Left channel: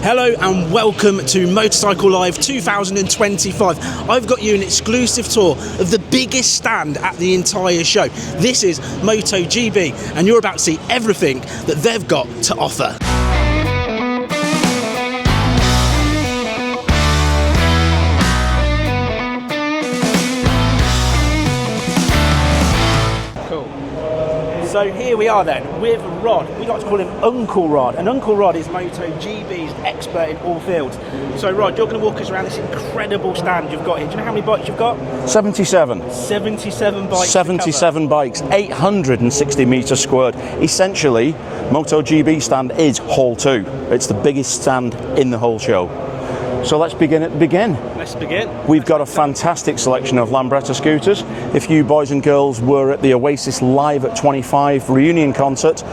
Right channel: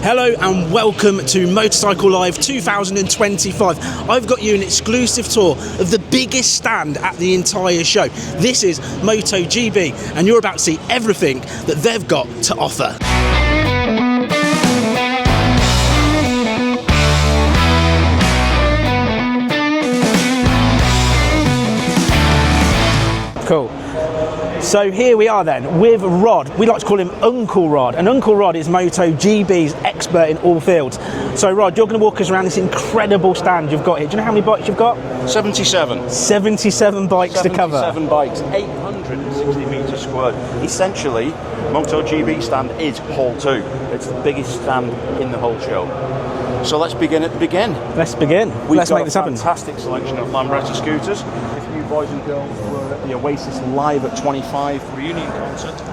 Hello and welcome to Motorcycle Live 2025. I've got you an exclusive tour of the biggest stand at the entire show. This is Moto GB and you're about to see everything that they've got to offer. Cool. So here we are then with Rod. We like to call him Uncle Rod, and Uncle Rod is Moto GB's expert in all fields. So Rod, you're going to walk us around this incredible stand you've got here. Do you know how many bikes you've got? 77. 77 bikes 77 to cover. bikes, 860 metres squared. Essentially, Moto GB stand is Hall 2. It's the biggest stand in the whole show. So let's begin at the beginning. Let's begin. We've got a fantastic selection of Lambretta scooters. If you boys and girls were at the Oasis Live at 25 reunion concert,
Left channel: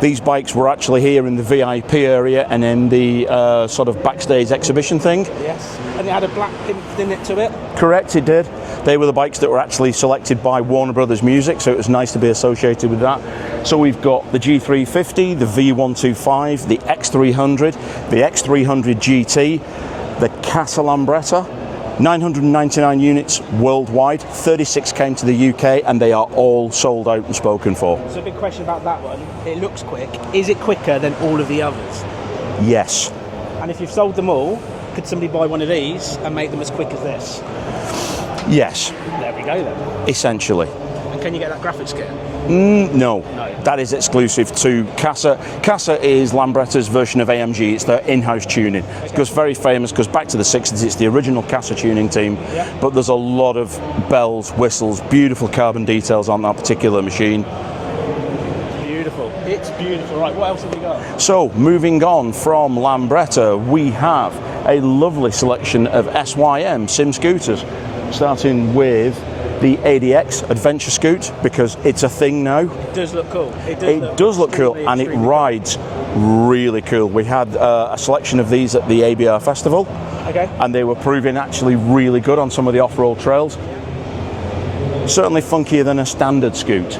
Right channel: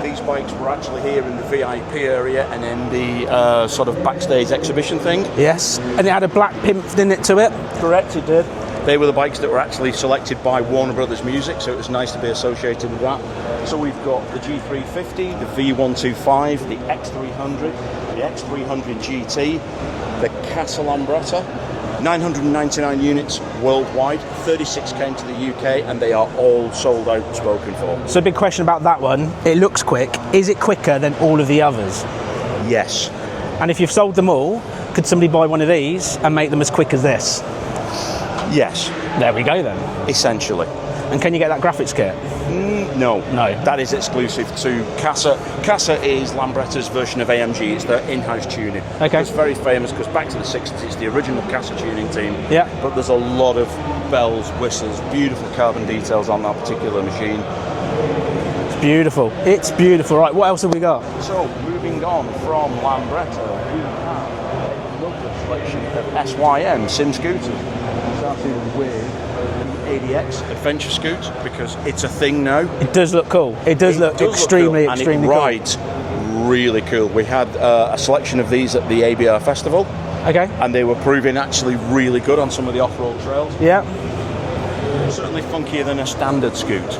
these bikes were actually here in the VIP area and in the sort of backstage exhibition thing. Yes, and it had a black pimp in it to it. Correct, it did. They were the bikes that were actually selected by Warner Brothers Music, so it was nice to be associated with that. So we've got the G350, the V125, the X300, the X300 GT, the Casa Lambretta, 999 units worldwide, 36 came to the UK, and they are all sold out and spoken for. So a big question about that one, it looks quick. Is it quicker than all of the others? Yes. And if you've sold them all, could somebody buy one of these and make them as quick as this? Yes. There we go then. Essentially. And can you get that graphics kit? No. No. That is exclusive to Casa. Casa is Lambretta's version of AMG. It's their in-house tuning. Okay. It goes very famous, goes back to the 60s. It's the original Casa tuning team. Yeah. But there's a lot of bells, whistles, beautiful carbon details on that particular machine. It's beautiful. It's beautiful. Right, what else have we got? So, moving on from Lambretta, we have a lovely selection of SYM sim scooters, starting with the ADX Adventure Scoot, because it's a thing now. It does look cool. It does look extremely cool, and it rides really cool. We had a selection of these at the ABR Festival. Okay. And they were proving actually really good on some of the off-road trails. Yeah. Certainly funkier than a standard scoot.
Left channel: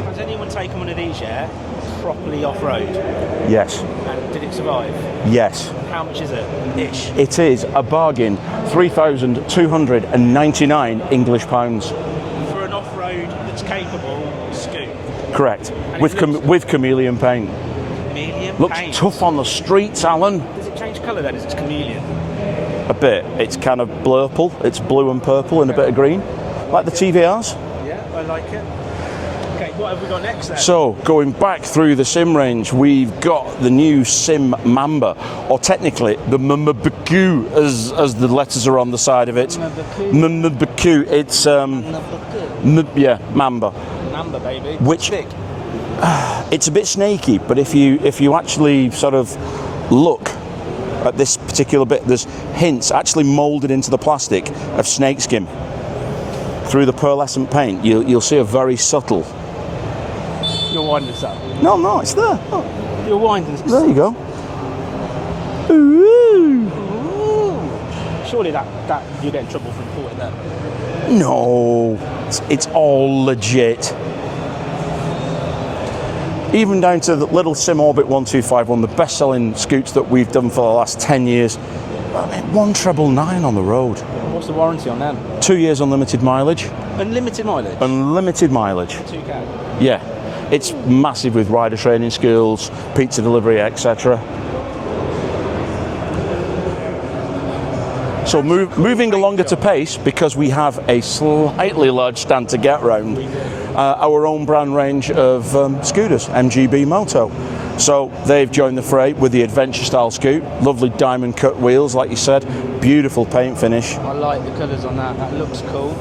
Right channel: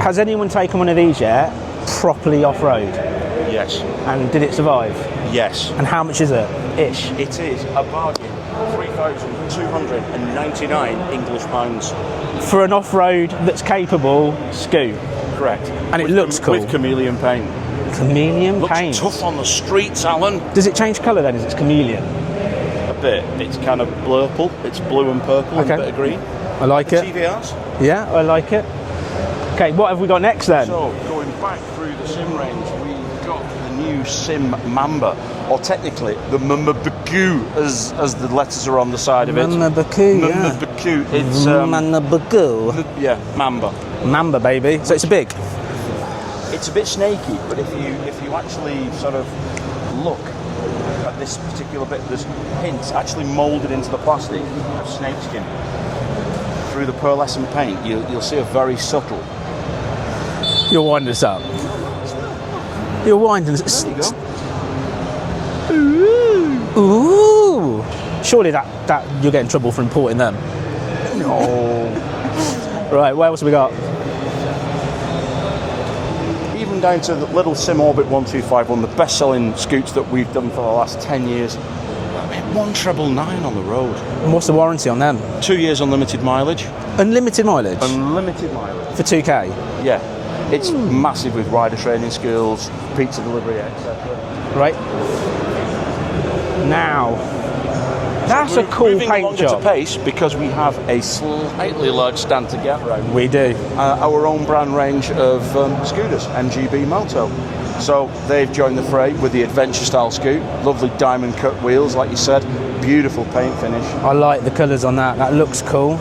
Has anyone taken one of these yet, properly off-road? Yes. And did it survive? Yes. And how much is it, ish? It is a bargain, 3,299 English pounds. For an off-road that's capable scoot? Correct. And it looks cool. With chameleon paint. Chameleon Looks paint? tough on the streets, Alan. Does it change colour then as it's chameleon? A bit. It's kind of blurple. It's blue and purple and a bit of green. I like the it. TVRs. Yeah, I like it. Okay, what have we got next then? So, going back through the sim range, we've got the new Sim Mamba, or technically the Mamba-Baku, as the letters are on the side of it. Mamba-Baku, Mamba-Baku. It's Mamba-Baku. Yeah, Mamba. Mamba, baby. So it's big. It's a bit snaky, but if you actually sort of look at this particular bit, there's hints actually moulded into the plastic of snakeskin. Through the pearlescent paint, you'll see a very subtle. You're winding us up. No, it's there. Oh. You're winding us up. There you go. Ooh. Surely that you'll get in trouble for importing them. No, it's all right, what else we got? legit. Even down to the little Sim Orbit 1251, the best-selling scoots that we've done for the last 10 years. 1,999 on the road. And what's the warranty on them? 2 years unlimited mileage. Unlimited mileage? Unlimited mileage. For 2K? Yeah. It's massive with rider training skills, pizza delivery, etc. Right. Now, so cool moving along job. at a pace, because we have a slightly large stand to get round. We do. Our own brand range of scooters, MGB Moto. So they've joined the fray with the adventure style scoot. Lovely diamond cut wheels, like you said. Beautiful paint finish. I like the colours on that. That looks cool.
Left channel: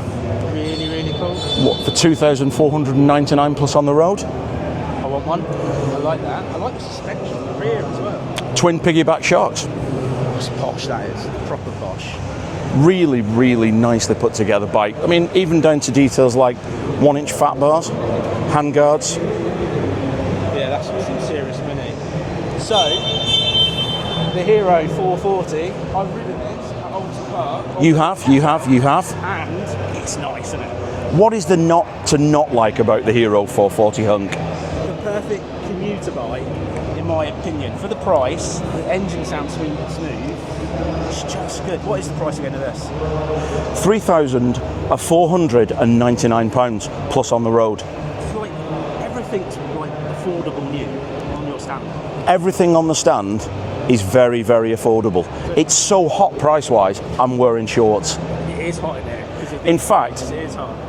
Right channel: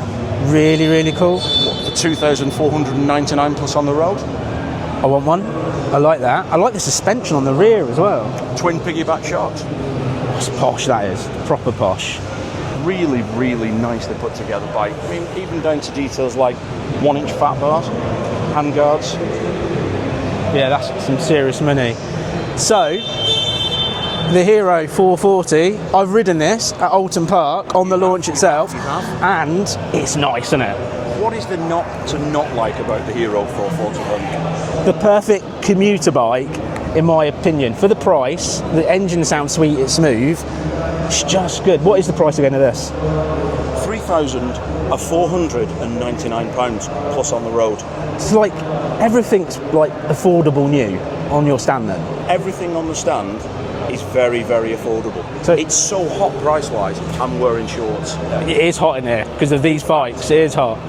Really, really cool. What, for 2,499 plus on the road? I want one. I like that. I like the suspension on the rear as well. Twin piggyback shocks. That's posh, that is. Proper posh. Really, really nicely put together bike. I mean, even down to details like 1-inch fat bars, hand guards. Yeah, that's some serious money. So, the Hero 440, I've ridden this at Alton Park on the launch itself. You have. And it's nice, isn't it? What is the not like about the Hero 440 hunk? The perfect commuter bike in my opinion. For the price, the engine sounds sweet, it's smooth. It's just good. What is the price again of this? £3,499 plus on the road. It's like everything's like affordable new on your stand then. Everything on the stand is very, very affordable. So it's so hot price-wise, I'm wearing shorts. It is hot in here because of these bikes. It is hot.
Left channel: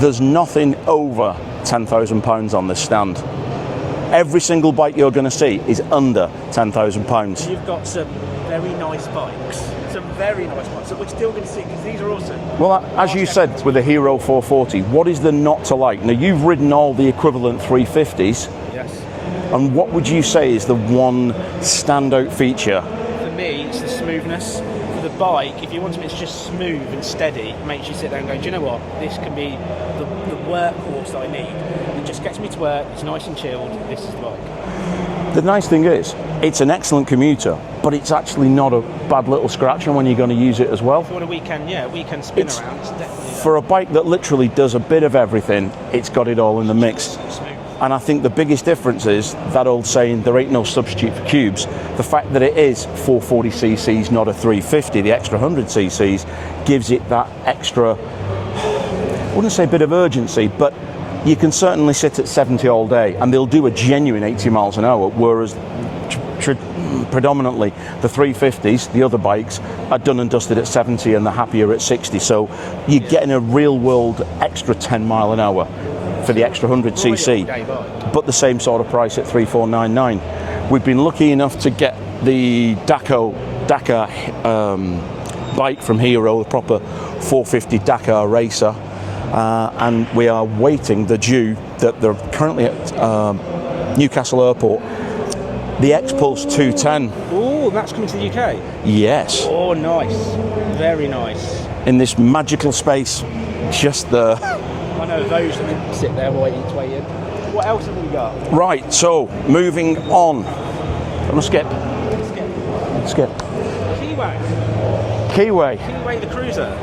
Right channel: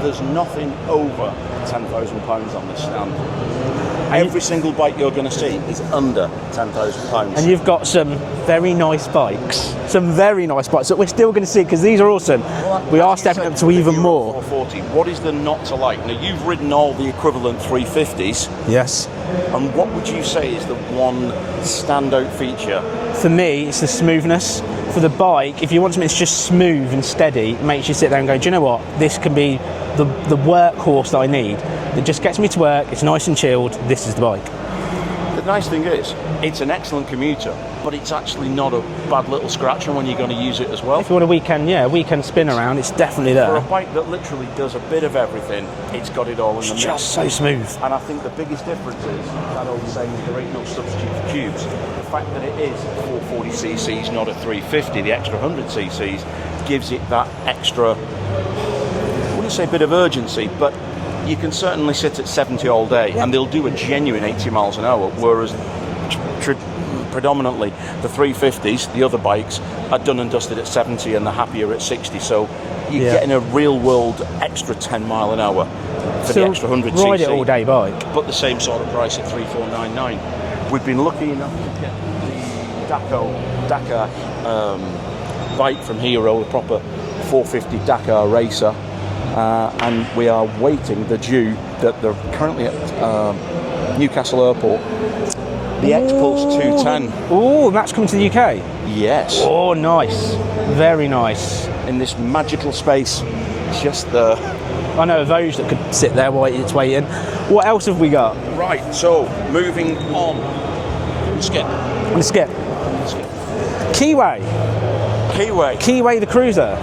There's nothing over £10,000 on this stand. Every single bike you're going to see is under £10,000. And you've got some very nice bikes. Some very nice bikes that we're still going to see because these are awesome. Well, as you said, with the Hero 440, what is there not to like? Now, you've ridden all the equivalent 350s. Yes. And what would you say is the one standout feature? For me, it's the smoothness. For the bike, if you want something that's just smooth and steady, it makes you sit there and go, do you know what? This can be the workhorse that I need. It just gets me to work, it's nice and chilled, this is the bike. The nice thing is, it's an excellent commuter, but it's actually not a bad little scratcher when you're going to use it as well. If you want a weekend spin around, it's definitely there. For a bike that literally does a bit of everything, it's got it all in the mix. Just so smooth. And I think the biggest difference is that old saying, there ain't no substitute for cubes. The fact that it is 440cc's, not a 350, the extra 100cc's, gives it that extra, I wouldn't say a bit of urgency, but you can certainly sit at 70 all day and they'll do a genuine 80 miles an hour, whereas predominantly the 350s, the other bikes, are done and dusted at 70 and they're happier at 60. So you're getting a real world extra 10 mile an hour for the extra 100cc, all day bike. but the same sort of price at 3,499. We've been lucky enough to get the Dakar bike from Hero, the proper 450 Dakar racer. And we are waiting the due that they're currently at Newcastle Airport. The X-Pulse 210. Ooh, and that's coming to the UK? Yes. Oh, nice. Very nice. In this magical space, just there. I know a Voge that could sit there waiting its way in. What else have we got? Right, so moving on. Let's skip. Keeway. Keeway the cruiser.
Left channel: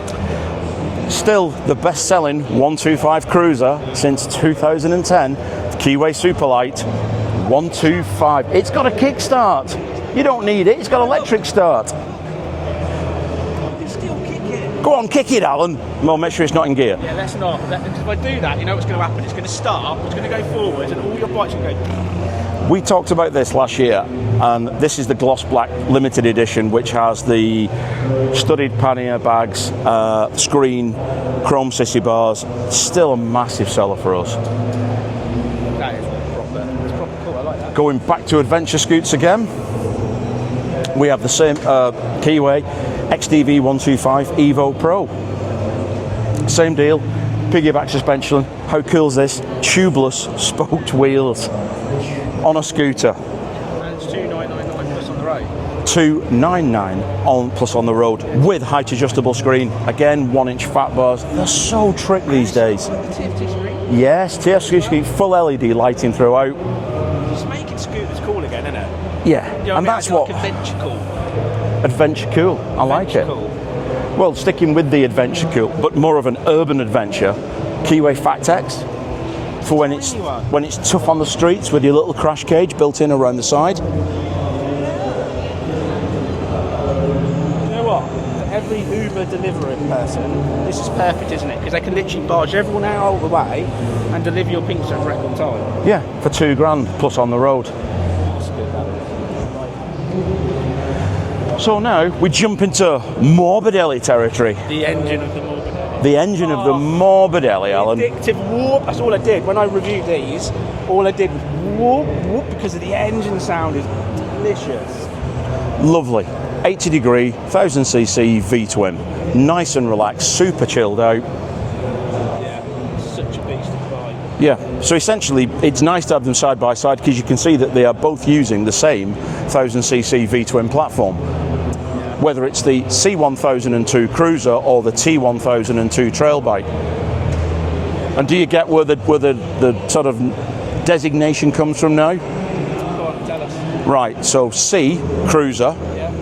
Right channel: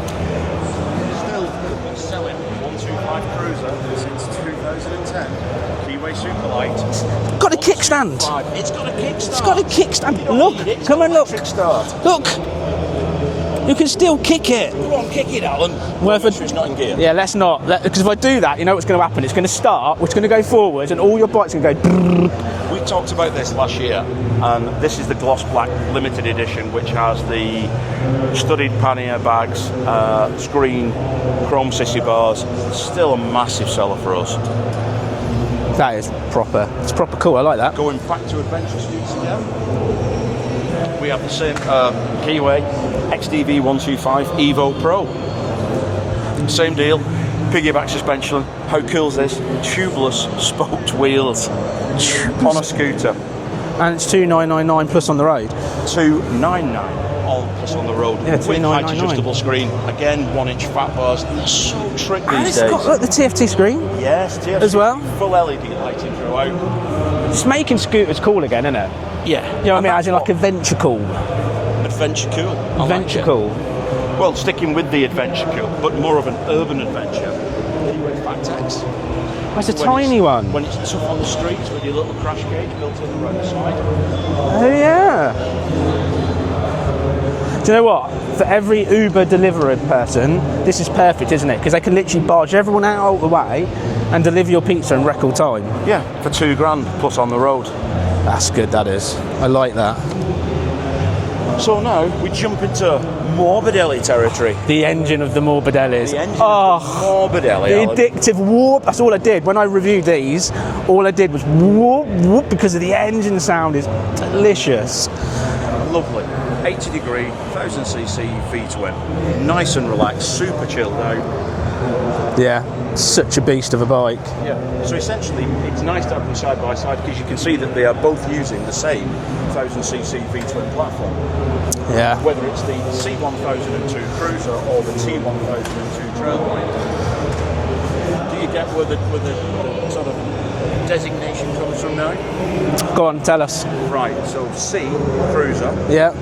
Still the best-selling 125 cruiser since 2010. Keeway Superlight. Got a kickstand. It's got a kickstart. It's got a kickstand. You don't need it. It's got an electric start. Look. You can still kick it. Go on, kick it, Alan. Well, make sure it's not in gear. Yeah, let's not. Because if I do that, you know what's going to happen? It's going to start, it's going to go forwards, and all your bikes are going to go. We talked about this last year, and this is the Gloss Black limited edition, which has the studded pannier bags, screen, chrome sissy bars. Still a massive seller for us. That is proper. It's proper cool. I like that. Going back to adventure scoots again, we have the same Keeway XDV 125 Evo Pro. Same deal, piggyback suspension. How cool is this? Tubeless spoked wheels on a scooter. And it's 2,999 plus on the road. 299 on plus on the road, yeah, with height adjustable screen. Again, 1-inch fat bars. They're so trick these days. It's got the TFT screen. Yes, TFT screen, full LED lighting throughout. It's making scooters cool again, isn't it? Yeah, you know what I mean? As in like adventure cool. Adventure cool. I like it. Cool. Well, sticking with the adventure cool, but more of an urban adventure. Keeway Factex. It's a tiny one. When it's tough on the streets with your little crash cage built in around the side. Oh yeah. Do you know what? For every Uber delivery person, this is perfect, isn't it? Because they can literally barge everyone out of the way and deliver your pizza in record time. Yeah, for £2,000 plus on the road. That's good, that is. I like that. So now we jump into Morbidelli territory. The engine of the Morbidellis. The engine of the Morbidelli, The Alan. addictive whoop. That's all I did. When I reviewed these, all I did was whoop, whoop, because of the engine sound is delicious. Lovely. 80 degree, 1000cc V-twin. Nice and relaxed, super chilled out. Yeah, such a beast of a bike. Yeah, so essentially it's nice to have them side by side because you can see that they are both using the same 1000cc V-twin platform. Yeah. Whether it's the C1002 Cruiser or the T1002 trail bike. And do you get where the sort of designation comes from now? Go on, tell us. Right, so C, Cruiser. Yeah.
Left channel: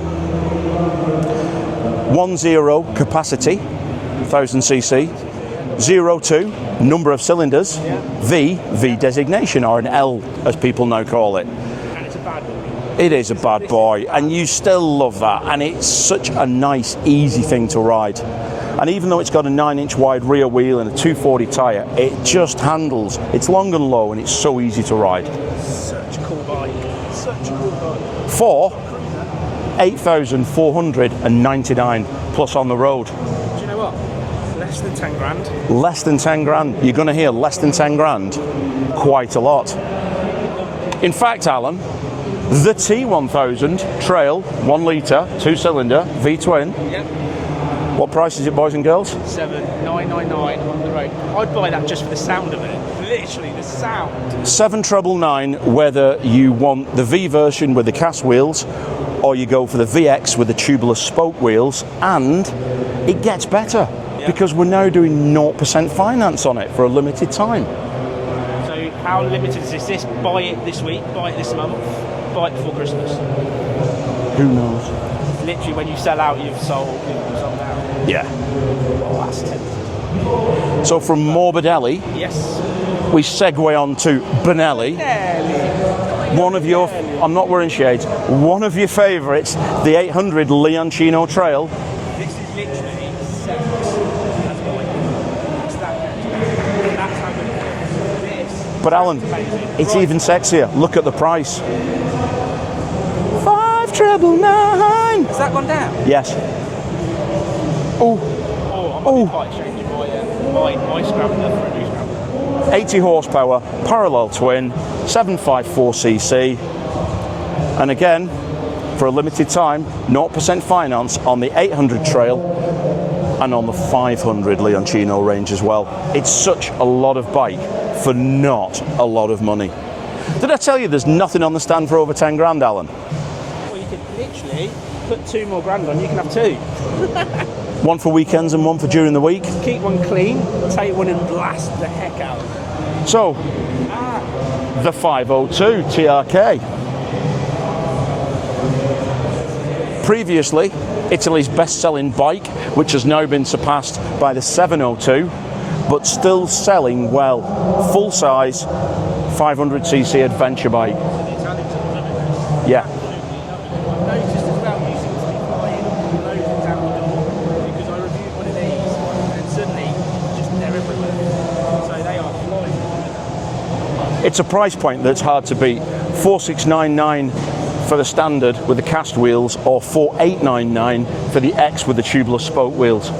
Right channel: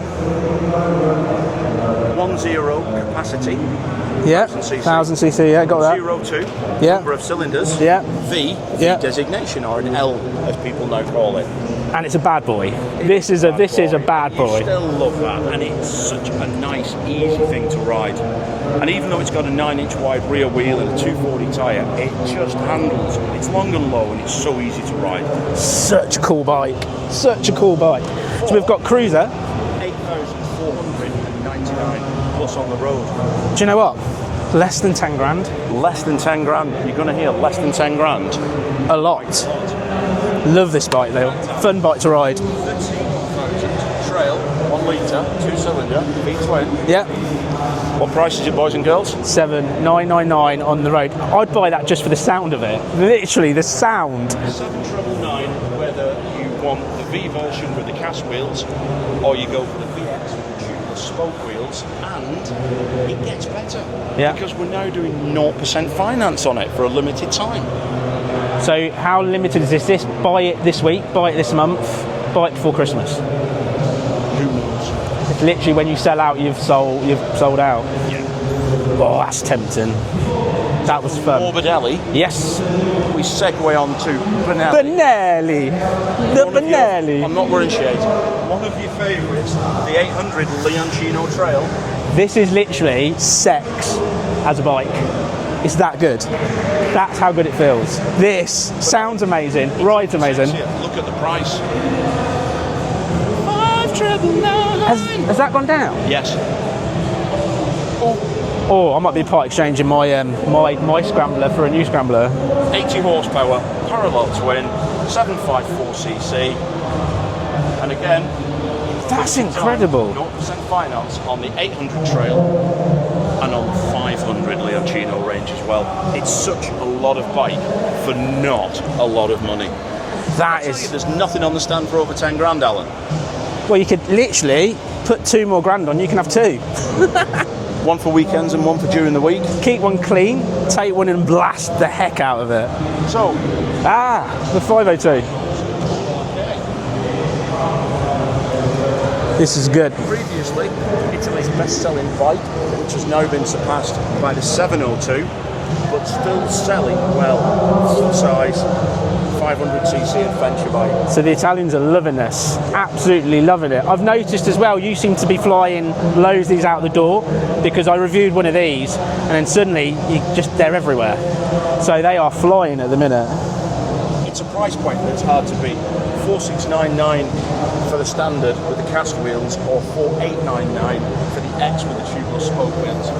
10 capacity, 1000cc. 1000cc, yeah, got that. 02, number of cylinders. Yeah. V designation, or an L as people now call it. And it's a bad boy. This is a bad boy, and you boy. still love that, and it's such a nice, easy thing to ride. And even though it's got a 9-inch wide rear wheel and a 240 tyre, it just handles. It's long and low, and it's so easy to ride. Such a cool bike. Such a cool bike. So we've got Cruiser. 8,499 plus on the road. Do you know what? Less than 10 grand. Less than 10 grand. You're going to hear less than 10 grand. Quite a lot. Love this bike. In fact, Alan, fun bike to ride. The T1000 Trail, 1 litre, 2-cylinder, V-twin. Yeah. What price is it, boys and girls? 7,999 on the road. I'd buy that just for the sound of it. Literally, the sound. 7,999, whether you want the V version with the cast wheels, or you go for the VX with the tubular spoke wheels, and it gets better because we're now doing 0% finance on it for a limited time. So how limited is this? Buy it this week, buy it this month, buy it before Christmas. Who knows? Literally, when you sell out, you've sold out. Yeah. Oh, that's tempting. So from Morbidelli, yes, we segue on to Benelli. Benelli. I'm not wearing shades. One of your favourites, the 800 Leoncino Trail. This is literally sex as a bike. It's that good. That's how good it feels. This sounds amazing. It's even sexier. Look at the price. 5,999. Has that gone down? Yes. Oh, I might be part exchanging my my scrambler for a new scrambler. 80 horsepower, parallel twin, 754cc, and again, for a limited time, 0% finance on the 800 Trail and on the 500 Leoncino range as well. It's such a lot of bike for not a lot of money. Did I tell you there's nothing on the stand for over 10 grand, Alan? Well, you could literally put 2 more grand on, you can have 2. One for weekends and one for during the week. Keep one clean, take one and blast the heck out of it. So, the 502. The 502 TRK. This is good. Previously, Italy's best-selling bike, which has now been surpassed by the 702, but still selling well. Full-size, 500cc adventure bike. So the Italians are loving this. Yeah. Absolutely loving it. I've noticed as well, you seem to be flying loads of these out the door, because I reviewed one of these and then suddenly they're everywhere. So they are flying at the minute. It's a price point that's hard to beat. 4,699 for the standard with the cast wheels, or 4,899 for the X with the tubular spoke wheels.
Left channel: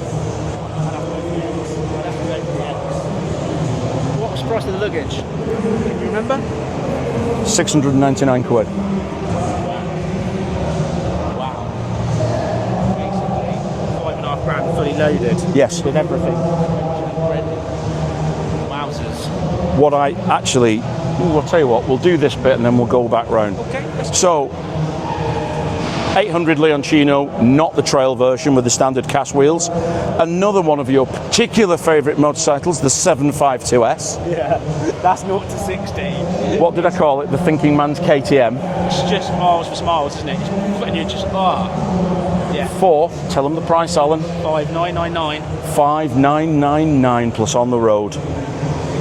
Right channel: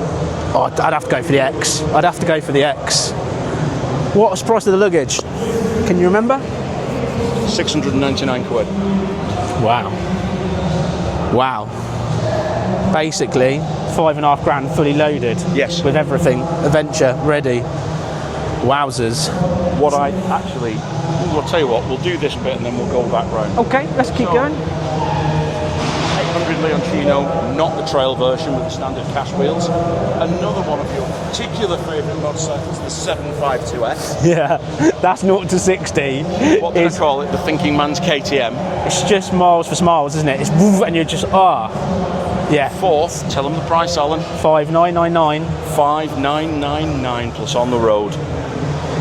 Oh, I'd have to go for the X. I'd have to go for the X. What was the price of the luggage? Can you remember? 699 quid. Wow. Basically, 5.5 grand fully loaded. Yes. With everything. Adventure, ready. Wowzers. I'll tell you what, we'll do this bit and then we'll go back round. Okay, let's keep going. 800 Leoncino, not the trail version with the standard cast wheels. Another one of your particular favourite motorcycles, the 752S. Yeah, that's 0 to 60. What did I call it? The thinking man's KTM. It's just miles for smiles, isn't it? It's woof, and you're just, Yeah. Fourth, tell them the price, Alan. 5,999. 5,999 plus on the road.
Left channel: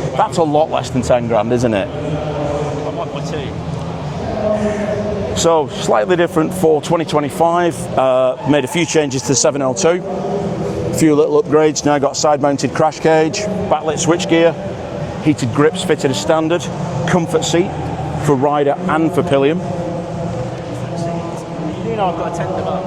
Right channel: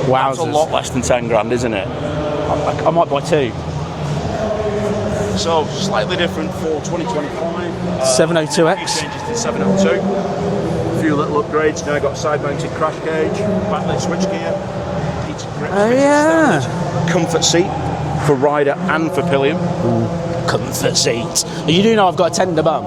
Wow. That's a lot less than 10 grand, isn't it? I might buy 2. So, slightly different for 2025. 702X. Made a few changes to the 702. A few little upgrades. Now got side-mounted crash cage, backlit switchgear, heated grips fitted as standard, comfort seat for rider and for pillion. Comfort seat. You do know I've got a tender bum.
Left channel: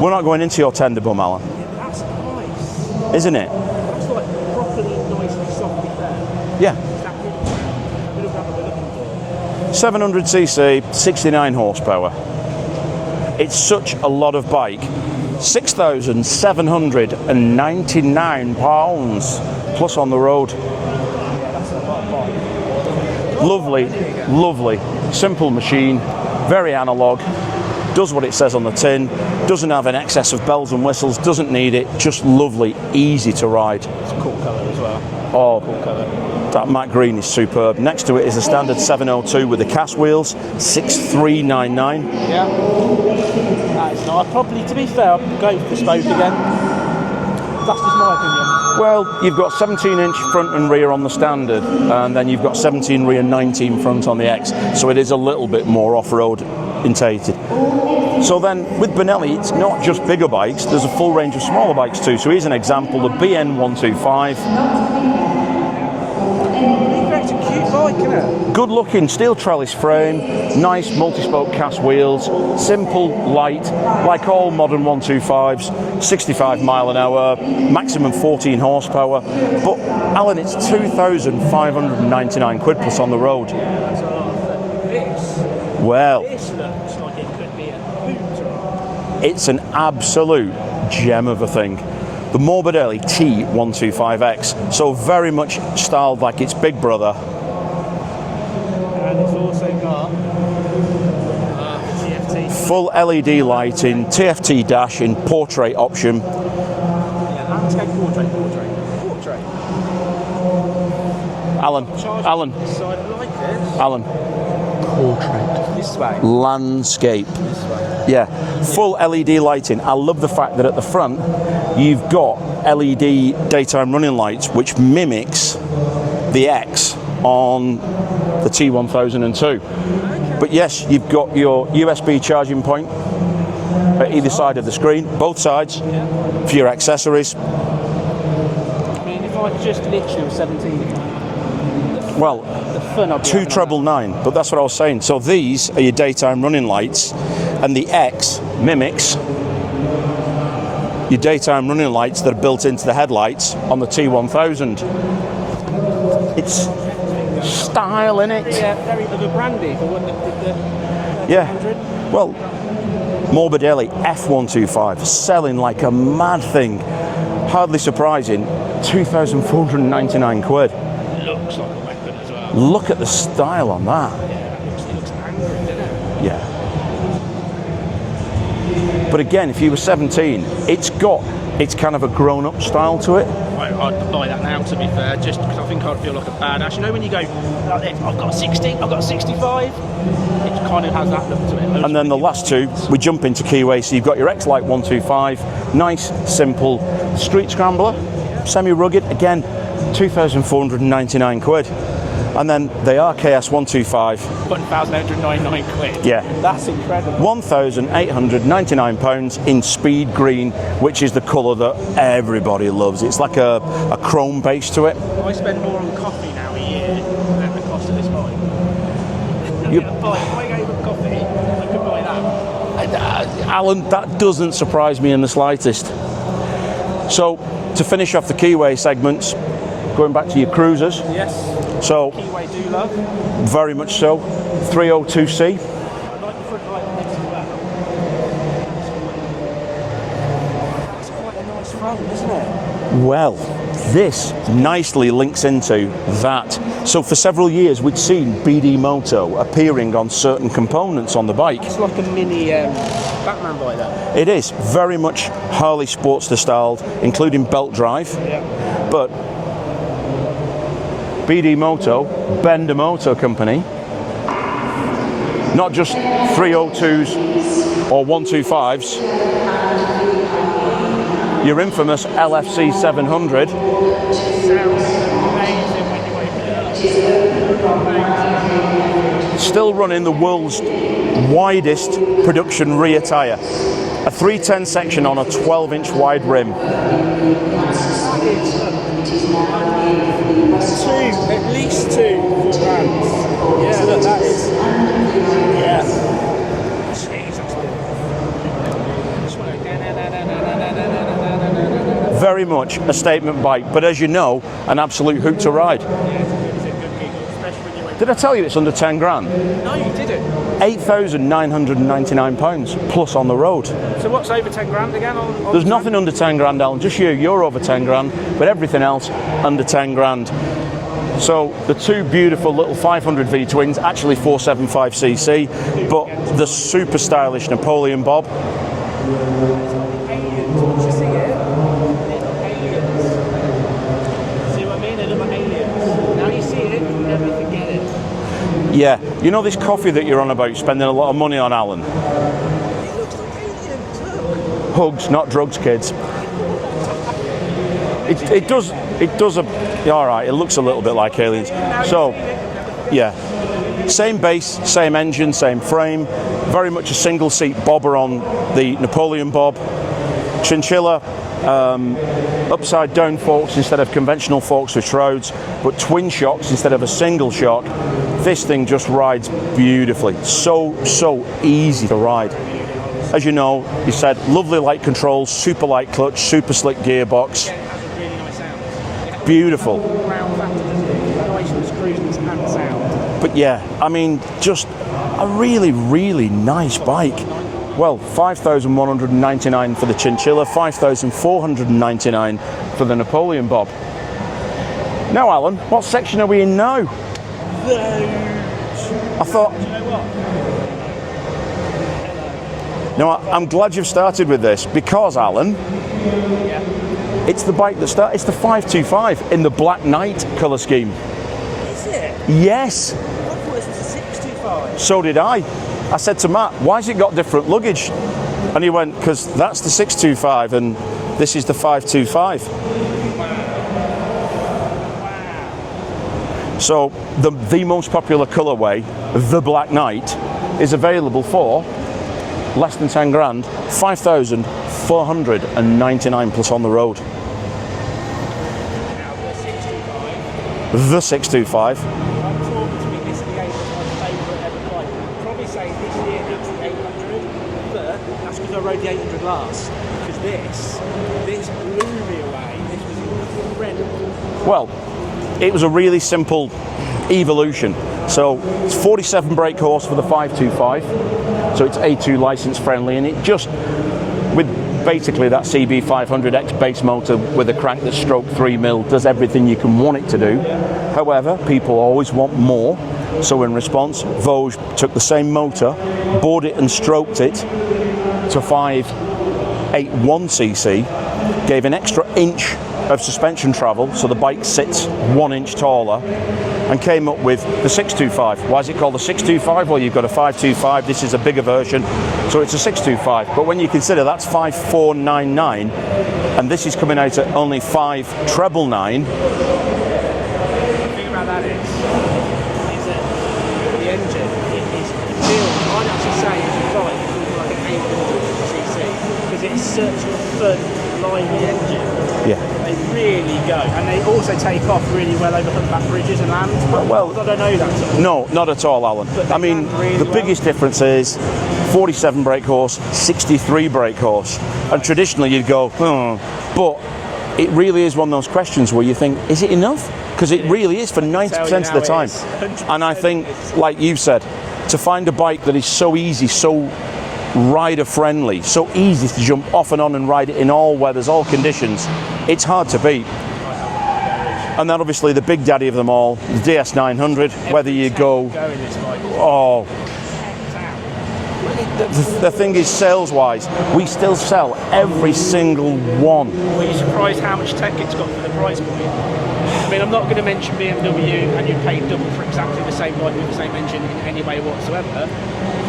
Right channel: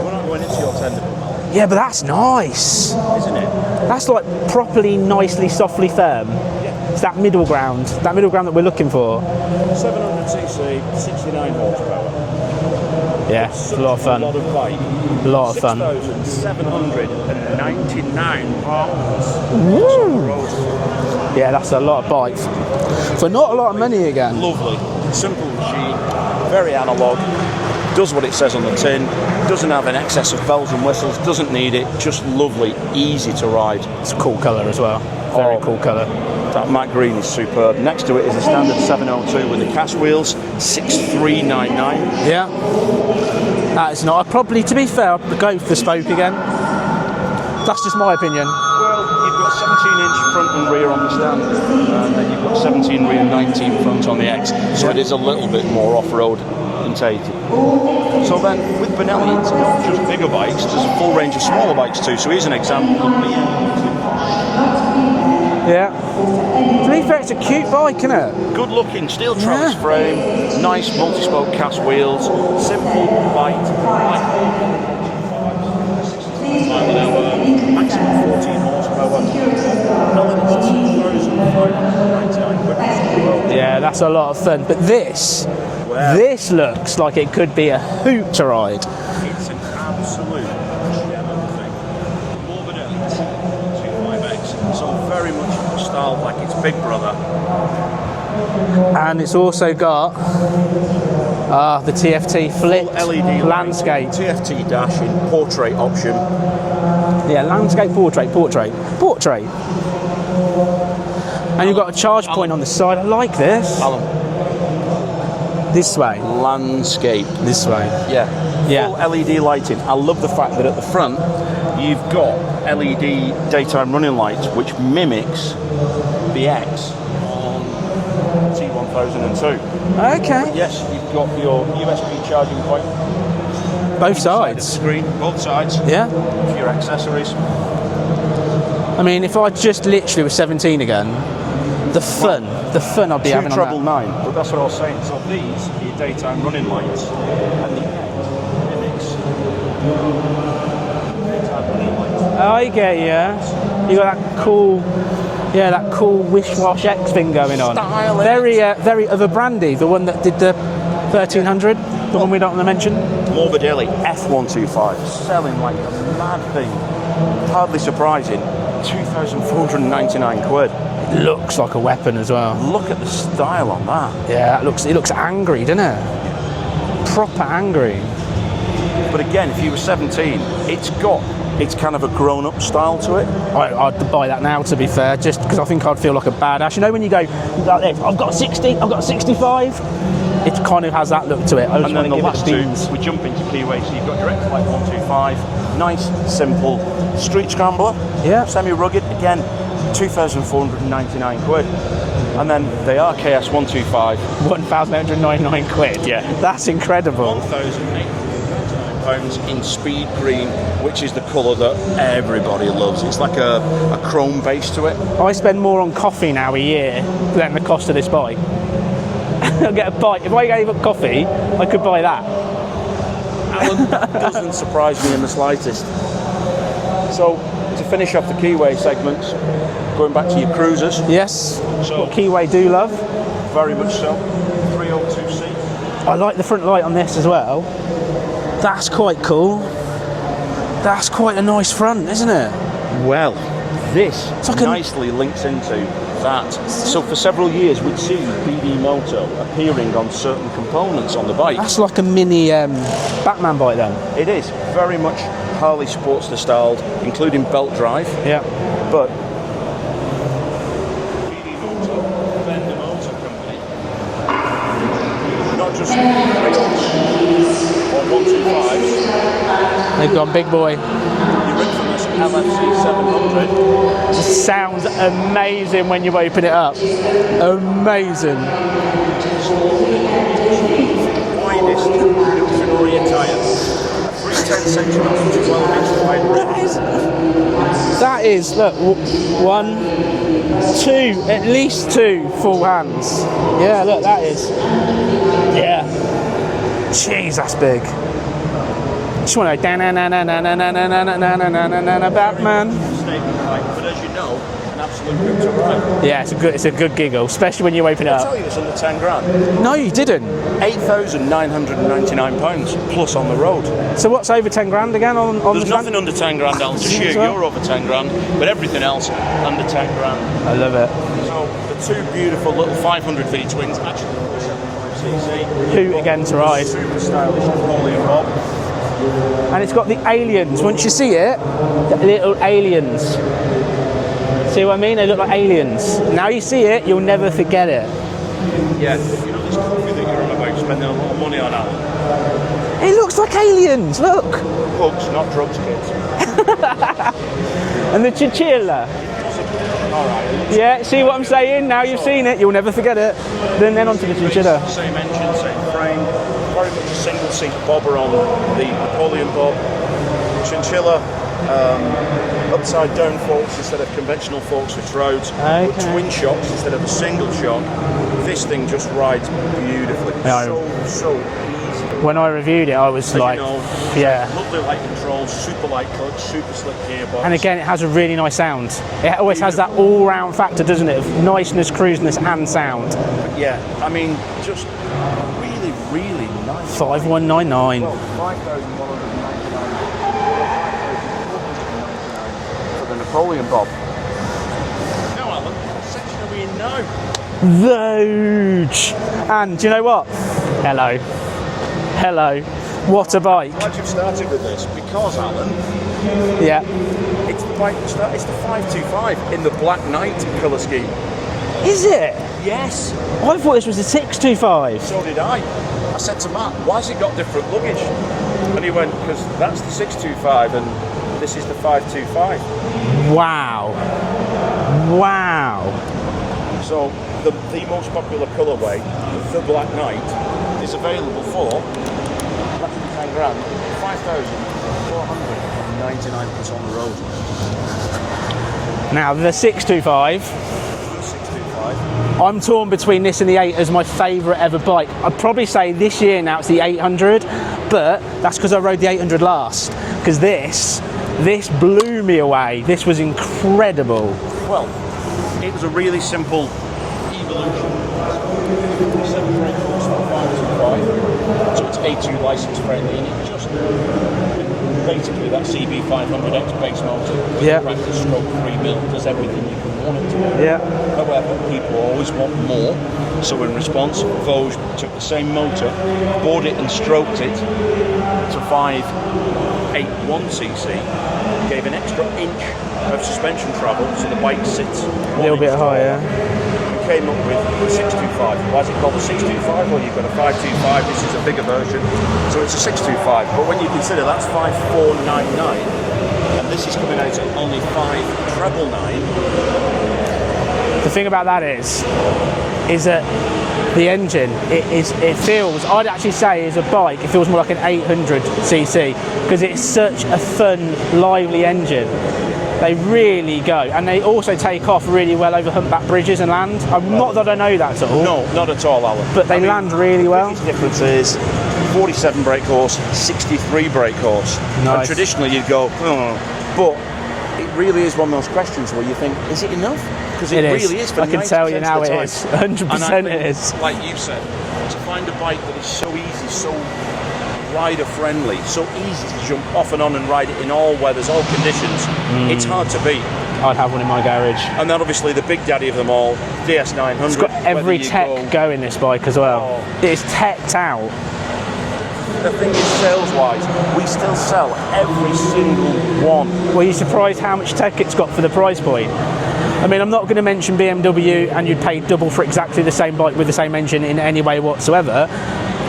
We're not going into your tender bum, Alan. Yeah, but that's nice. Isn't it? That's like properly, nicely, softly firm. Yeah. It's that middle ground that we're looking for. 700cc, 69 horsepower. Yeah, it's such a lot of bike. 6,799 pounds plus on the road. Yeah, that's a lot of bike. For not a lot of money again. Lovely. Simple machine, very analogue. Does what it says on the tin, doesn't have an excess of bells and whistles, doesn't need it, just lovely, easy to ride. It's a cool colour as well. Very cool colour. That matte green is superb. Next to it is the standard 702 with the cast wheels, 6,399. Yeah. It's not. Probably, to be fair, I'll go for the spoke again. That's just my opinion. Well, you've got 17-inch front and rear on the standard, and then you've got 17 rear, 19 front on the X, so it is a little bit more off-road orientated. So then, with Benelli, it's not just bigger bikes, there's a full range of smaller bikes too. So here's an example, the BN125. Yeah. To be fair, it's a cute bike, isn't it? Good looking, steel trellis frame, nice multi-spoke cast wheels, simple, light, like all modern 125s, 65 mile an hour, maximum 14 horsepower. But Alan, it's 2,599 quid plus on the road. Yeah, that's a lot of fun. But this looks like it could be a hoot to ride. It's an absolute gem of a thing. The Morbidelli T125X, so very much styled like its big brother. And it's also got the TFT full LED landscape. lighting, TFT dash in portrait option. Yeah, landscape, portrait. And you've got a charge point on the side. I like this. Alan. Portrait. This way. Landscape. This way. Yeah. Full LED lighting. I love the fact that at the front you've got LED daytime running lights, which mimics the X on the T1002. Okay. But yes, you've got your USB charging point Both either sides. side of the screen, both sides. Yeah. For your accessories. I mean, if I just literally was 17 again, the fun I'd be having. 2,999, but that's what I was saying. So these are your daytime running lights, and the X mimics your daytime running lights that are built into the headlights on the T1000. Yeah, that cool Wish-Wash X thing going on. Style, very of a brandy, the one that did the 1300, the one we don't want to mention. Morbidelli F125, selling like a mad thing. Hardly surprising, 2,499 quid. Looks like a weapon as well. Look at the style on that. Yeah, it looks angry, doesn't it? Yeah. Proper angry. But again, if you were 17, it's kind of a grown-up style to it. I'd buy that now, to be fair, just because I think I'd feel like a badass. You know when you go, like this, I've got a 60, I've got a 65? It kind of has that look to it. And then the last two, we jump into Keeway. So you've got your X-Lite 125, nice, simple, street scrambler, semi-rugged, again, 2,499 quid. And then the RKS 125. 1,899 quid. Yeah. That's incredible. £1,899 in speed green, which is the colour that everybody loves. It's like a chrome base to it. I spend more on coffee now a year than the cost of this bike. I get a bike. If I gave up coffee, I could buy that. Alan, that doesn't surprise me in the slightest. So, to finish off the Keeway segments, going back to your cruisers. Yes. So what Keeway do love. Very much so. 302C. I like the front light on this as well. That's quite cool. That's quite a nice front, isn't it? Well, this nicely links into that. So for several years we'd seen BD Moto appearing on certain components on the bike. That's like a mini Batman bike then. It is. Very much Harley Sportster styled, including belt drive. Yeah. But BD Moto, Benda Motor Company, not just 302s or 125s. They've gone big boy. Your infamous LFC 700. Sounds amazing when you open it up. Amazing. Still running the world's widest production rear tyre. A 310 section on a 12-inch wide rim. That is, look, at least two full hands. Yeah, look, that is. Yeah. Jeez, that's big. Just want to very much a statement bike, but as you know, an absolute hoot to ride. Yeah, it's a good giggle, especially when you open it up. Did I tell you it's under 10 grand? No, you didn't. £8,999 plus on the road. So what's over 10 grand again on There's nothing under 10 grand, Alan. Just you're over 10 grand, but everything else under 10 grand. I love it. So the two beautiful little 500 V-twins, actually 475cc, Hoot again to the ride. super stylish Napoleon Bob. And it's got the aliens. Once you see it, the little aliens. See what I mean? They look like aliens. Now you see it, you'll never forget it. Yeah. You know this coffee that you're on about spending a lot of money on, Alan? It looks like aliens, look. Hugs, not drugs, kids. And the It chinchilla. does a... Yeah, all right, it looks a little bit See like what I'm aliens. saying? Now So, you've seen it, you'll never forget yeah. it. Then on Same to the base, chinchilla. same engine, same frame. Very much a single seat bobber on the Napoleon bob. Chinchilla, upside down forks instead of conventional forks with shrouds, but twin shocks instead of a single shock. This thing just rides beautifully. So easy to ride. When I reviewed it, I was As like, you know, you said lovely light controls, super light clutch, super slick gearbox. and again, it has a really nice sound. It always has that Beautiful. all-round factor, doesn't it? Niceness, cruisiness, and sound. But yeah, I mean, just a really, really nice bike. 5199. Well, 5,199 for the Chinchilla, 5,499 for the Napoleon Bob. Now, Alan, what section are we in now? Voge. And do you know what? Hello. What a I'm bike. glad you've started with this because, Alan, Yeah. it's the bike that started. It's the 525 in the Black Knight colour scheme. Is it? Yes. I thought this was a 625. So did I. I said to Matt, why has it got different luggage? And he went, because that's the 625 and this is the 525. Wow. So the most popular colourway, the Black Knight, is available for less than 10 grand, 5,499 plus on the road. Now, the 625, The 625. I'm torn between this and the 8 as my favourite ever bike. I'd probably say this year now it's the 800, but that's because I rode the 800 last. Because this blew me away. This was incredible. Well, it was a really simple evolution. So it's 47 brake horse for the 525. So it's A2 license friendly, and it just, with basically that CB500X base motor with a crank that's stroke 3 mil, does everything you can want it to do. Yeah. However, people always want more. So in response, Voge took the same motor, bored it and stroked it to 581cc, gave an extra inch of suspension travel, so the bike sits 1 inch taller, and came up with the 625. Why is it called the 625? Well, you've got a 525, this is a bigger version, so it's a 625. But when you consider that's 5499, and this is coming out at only 5999. The thing about that is that the engine, it feels, I'd actually say as a bike, it feels more like an 800cc, because it's such a fun, lively engine. Yeah. They really go, and they also take off really well over humpback bridges and land. Not that I know that at all. No, not at all, Alan. But they land really well. The biggest difference is 47 brake horse, 63 brake horse. Nice. And traditionally you'd go, oh, but it really is one of those questions where you think, is it enough? Because it really is for 90% of the time. 100% and I think, it is. like you said, to find a bike that is so easy, so rider friendly, so easy to jump off and on and ride it in all weathers, all conditions, it's hard to beat. I'd have one in my garage. And then obviously the big daddy of them all, the DS900, whether you go in this bike as well. It's teched out. The thing is, sales-wise, we still sell every single one. Were you surprised how much tech it's got for the price point? I mean, I'm not going to mention BMW and you'd pay double for exactly the same bike with the same engine in any way whatsoever,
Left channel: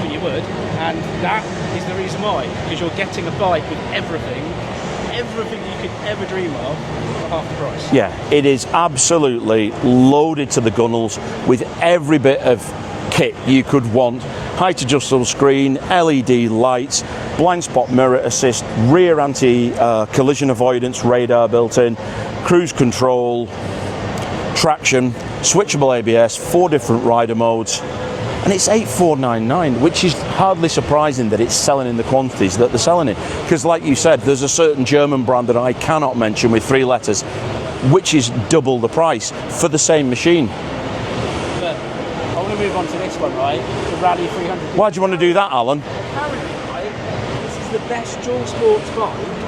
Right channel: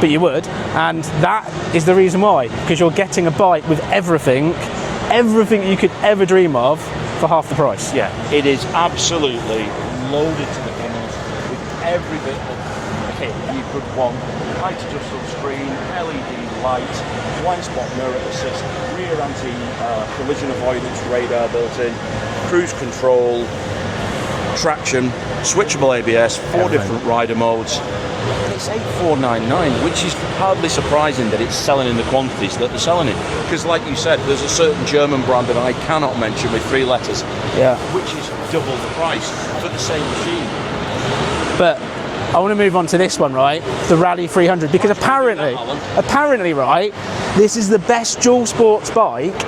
but you would, and that is the reason why, because you're getting a bike with everything you could ever dream of for half the price. Yeah, it is absolutely loaded to the gunnels with every bit of kit you could want. Height adjustable screen, LED lights, blind spot mirror assist, rear anti-collision avoidance radar built in, cruise control, traction, switchable ABS, 4 different rider modes, and it's 8499, which is hardly surprising that it's selling in the quantities that they're selling it. Because like you said, there's a certain German brand that I cannot mention with 3 letters, which is double the price for the same machine. But I want to move on to this one, right? The Rally 300. Because Why do you want to do that, Alan? Apparently, right, this is the best dual sports bike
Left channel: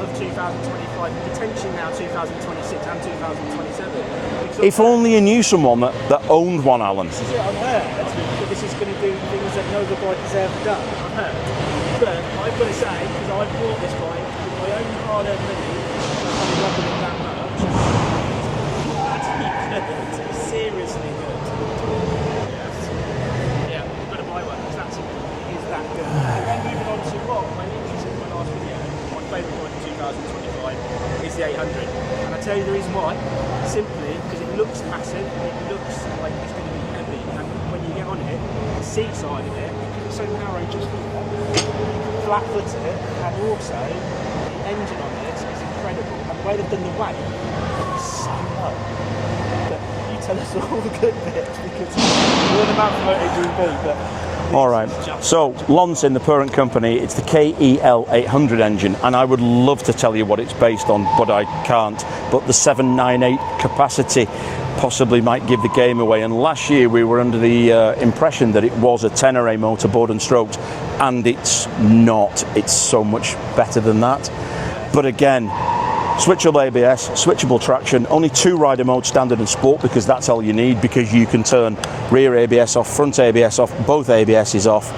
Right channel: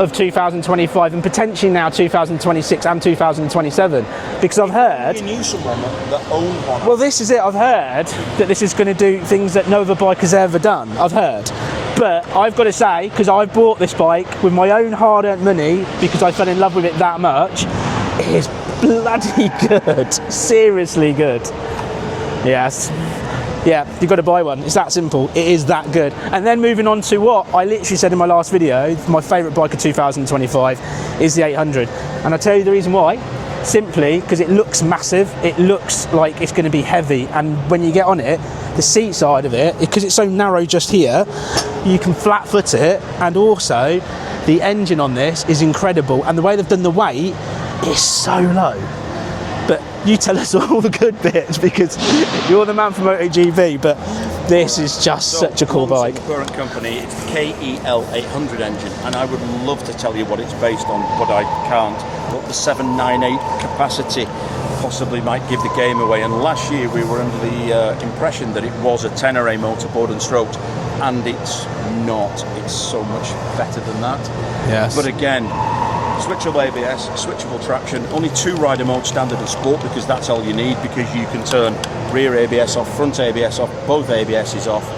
of 2025 and potentially now 2026 and 2027. Because if only you knew someone that owned one. Well, this is it. I've heard that this is going to do things that no other bike has ever done. I've heard. But I've got to say, because I bought this bike with my own hard-earned money because I fell in love with it that much, it is bloody good. Seriously good. Yes. Yeah, you've got to buy one. It's that simple. It is that good. And then moving on to what I literally said in my last video, my favourite bike of 2025 is the 800. And I'll tell you the reason why. Simply because it looks massive. It looks like it's going to be heavy. And when you get on it, the seat side of it, because it's so narrow just here, you can flat foot it. And also, the engine on this is incredible. And the way they've done the weight is so low. But you tell us all the good bits because you're the man for MotoGB, but this is just such a cool bike. In the parent company, it's the KEL 800 engine, and I would love to tell you what it's based on, but I can't. But the 798 capacity possibly might give the game away. And last year we were under the impression that it was a Tenere motor board and strokes, and it's not. It's so much better than that. Yes. But again, switchable ABS, switchable traction, only 2 rider modes, standard and sport, because that's all you need, because you can turn rear ABS off, front ABS off, both ABSs off.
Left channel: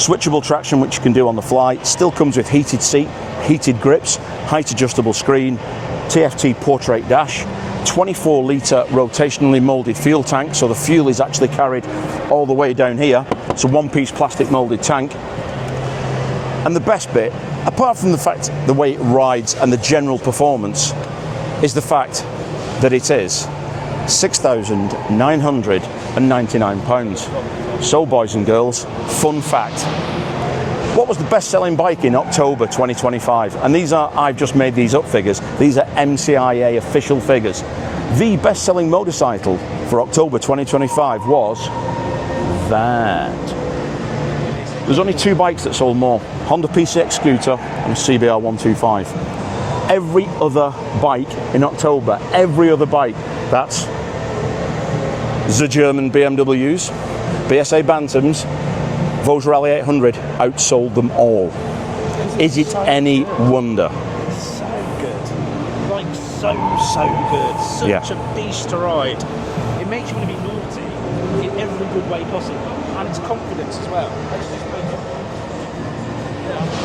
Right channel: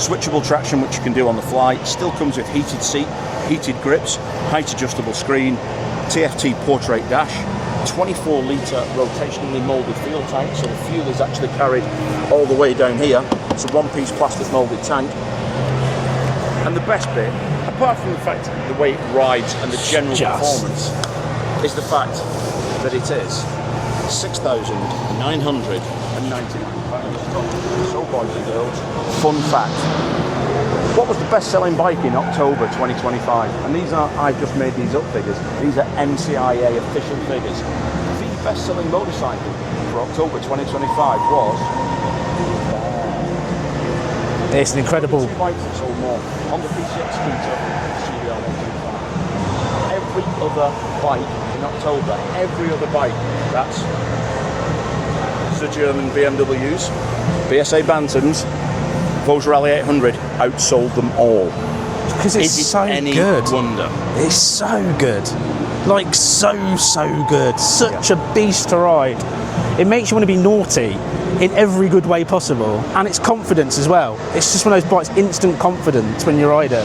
Switchable traction, which you can do on the fly. Still comes with heated seat, heated grips, height adjustable screen, TFT portrait dash, 24 litre rotationally moulded fuel tank, so the fuel is actually carried all the way down here. It's a one-piece plastic moulded tank. And the best bit, apart from the fact the way it rides and the general performance, is the fact that it is £6,999. So, boys and girls, fun fact. What was the best-selling bike in October 2025? And these are, I've just made these up figures. These are MCIA official figures. The best-selling motorcycle for October 2025 was that. It's an incredible... There's only 2 bikes that sold more. Honda PCX scooter and CBR 125. Every other bike in October, every other bike, that's the German BMWs, BSA Bantams, Voge Rally 800, outsold them all. Because it's Is it so any good. wonder? It's so good. Like, so good. Such a beast to ride. It makes you want to be naughty in every good way possible, and it's confidence as well. It's just one of those bikes, instant confidence when you ride it.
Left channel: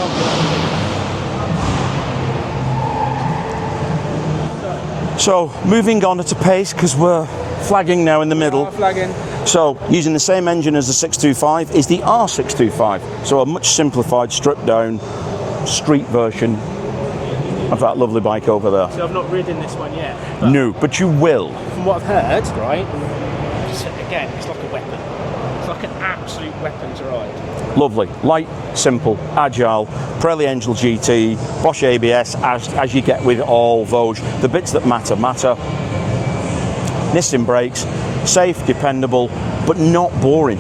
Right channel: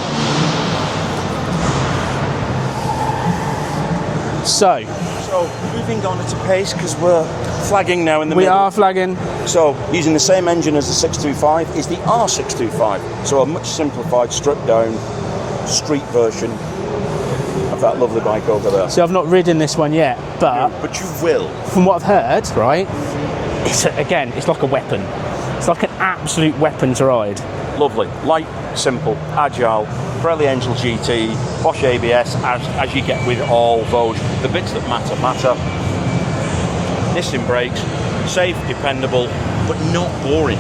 So moving on at a pace, because we're flagging now in the middle. We are flagging. So using the same engine as the 625 is the R625, so a much simplified, stripped down street version of that lovely bike over there. So I've not ridden this one yet, but no, but you will. From what I've heard, right, it's like a weapon. It's like an absolute weapon to ride. Lovely, light, simple, agile, Pirelli Angel GT, Bosch ABS, as you get with all Voge. The bits that matter. Nissan brakes, safe, dependable, but not boring.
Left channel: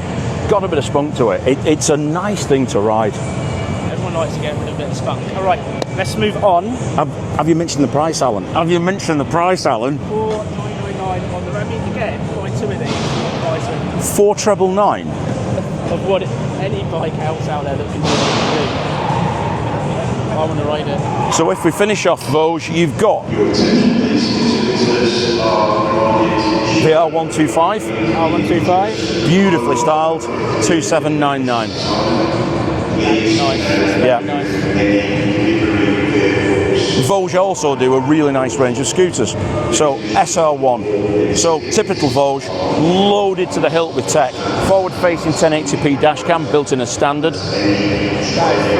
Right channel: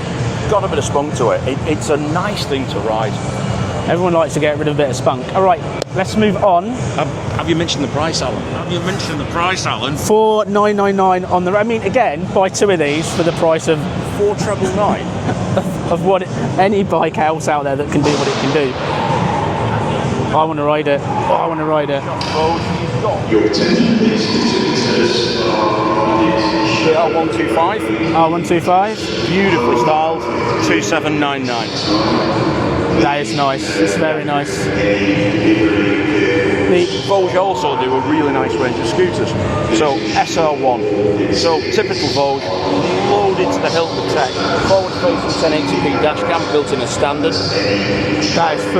Got a bit of spunk to it. It's a nice thing to ride. Everyone likes to get rid of a bit of spunk. All right, let's move on. Have you mentioned the price, Alan? $4,999 on the... I mean, again, buy 2 of these for the price of $4,999 of what any bike else out there that can do what it can do. I want to ride it. So if we finish off Voge, you've got the R125. R125. Beautifully styled, 2799. That is nice. It's very nice. Voge also do a really nice range of scooters. So SR1, so typical Voge, loaded to the hilt with tech. Forward-facing 1080p dash cam built in as standard.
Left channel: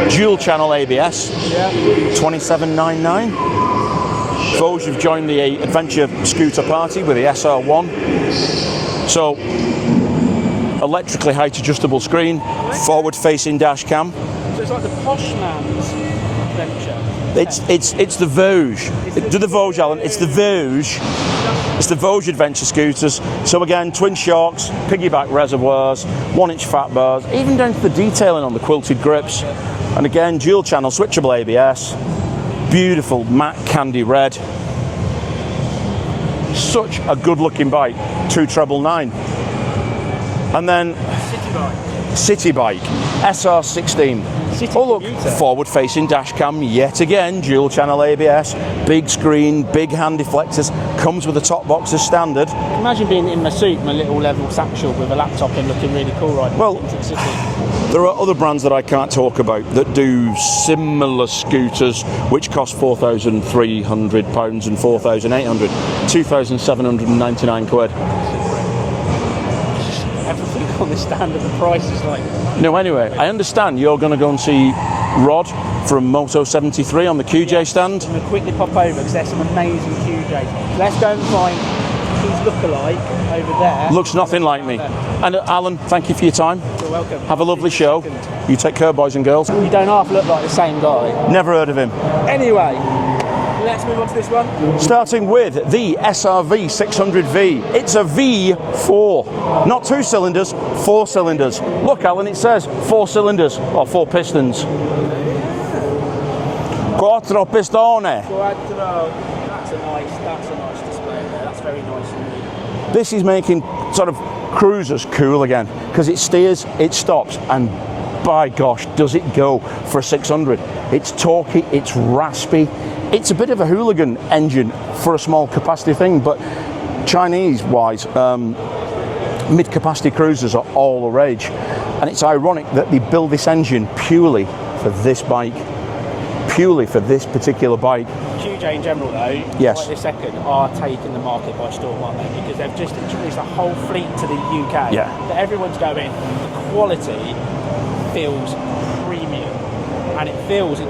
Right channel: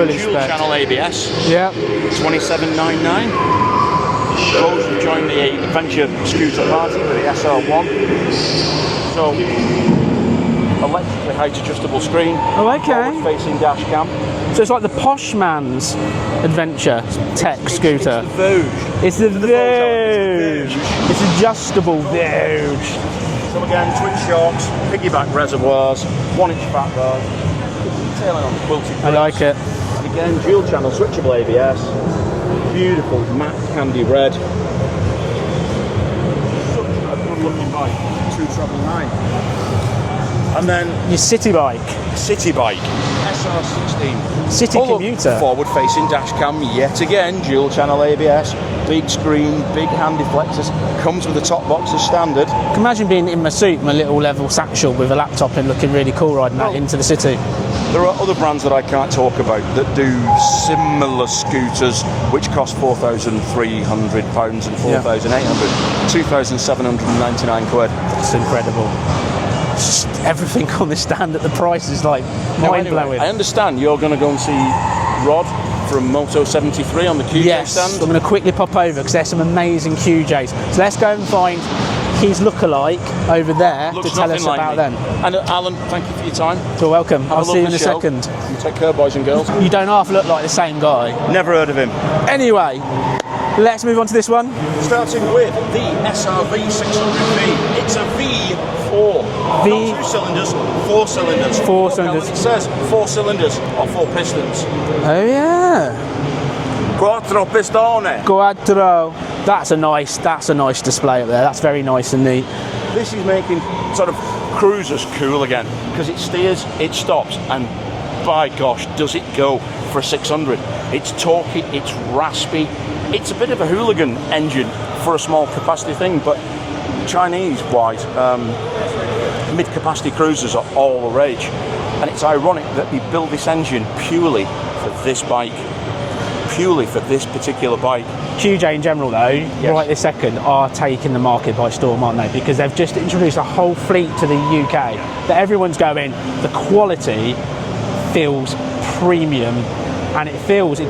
Dual channel ABS. Yeah. 2799. Voge have joined the adventure scooter party with the SR1. So electrically height adjustable screen, forward-facing dash cam. So it's like the posh man's adventure tech scooter. It's the Voge. It's the Voge, Alan. It's the Voge. It's adjustable. It's the Voge adventure scooters. So again, twin shocks, piggyback reservoirs, 1-inch fat bars, even down to the detailing on the quilted grips. I like it. And again, dual channel switchable ABS. Beautiful matte candy red. Such a good looking bike. 2,999. And then your city bike. SR16. City commuter. Forward-facing dash cam, yet again, dual channel ABS, big screen, big hand deflectors, comes with the top box as standard. Can you imagine being in my suit, my little level satchel with a laptop in, looking really cool riding that into the city. There are other brands that I can't talk about that do similar scooters, which cost £4,300 and £4,800, £2,799. It's incredible. everything on this stand at the price is like. Now, anyway, I understand you're going to go and see Rod from Moto 73 on the QJ stand. I'm going to quickly pop over because there's some amazing QJs. So let's go and find his lookalike over there. Looks nothing like me. Them. And Alan, thank you for your time. You're welcome. Have a lovely show. See you in a second. You take care, boys and girls. You don't half look like the same guy. Never heard of him. Anyway, let's move on to this one. Starting with the SRV 600V. It's a V4. Not 2 cylinders, 4 cylinders. Look, Alan, it says 4 cylinders or 4 pistons. Oh, yeah. Quattro pistone. Quattro. That's a nice display up there. That's very nice and neat. This is making sort of cruisers cool again because it steers, it stops, and by gosh, does it go for a 600. It's torquey, it's raspy. It's a bit of a hooligan engine for a small capacity thing, but Chinese-wise, mid-capacity cruisers are all the rage. And it's ironic that they build this engine purely for this bike. Purely for this particular bike. QJ in general though, right this second, are taking the market by storm, aren't they? Because they've just introduced a whole fleet to the UK that everyone's going, the quality feels premium, and it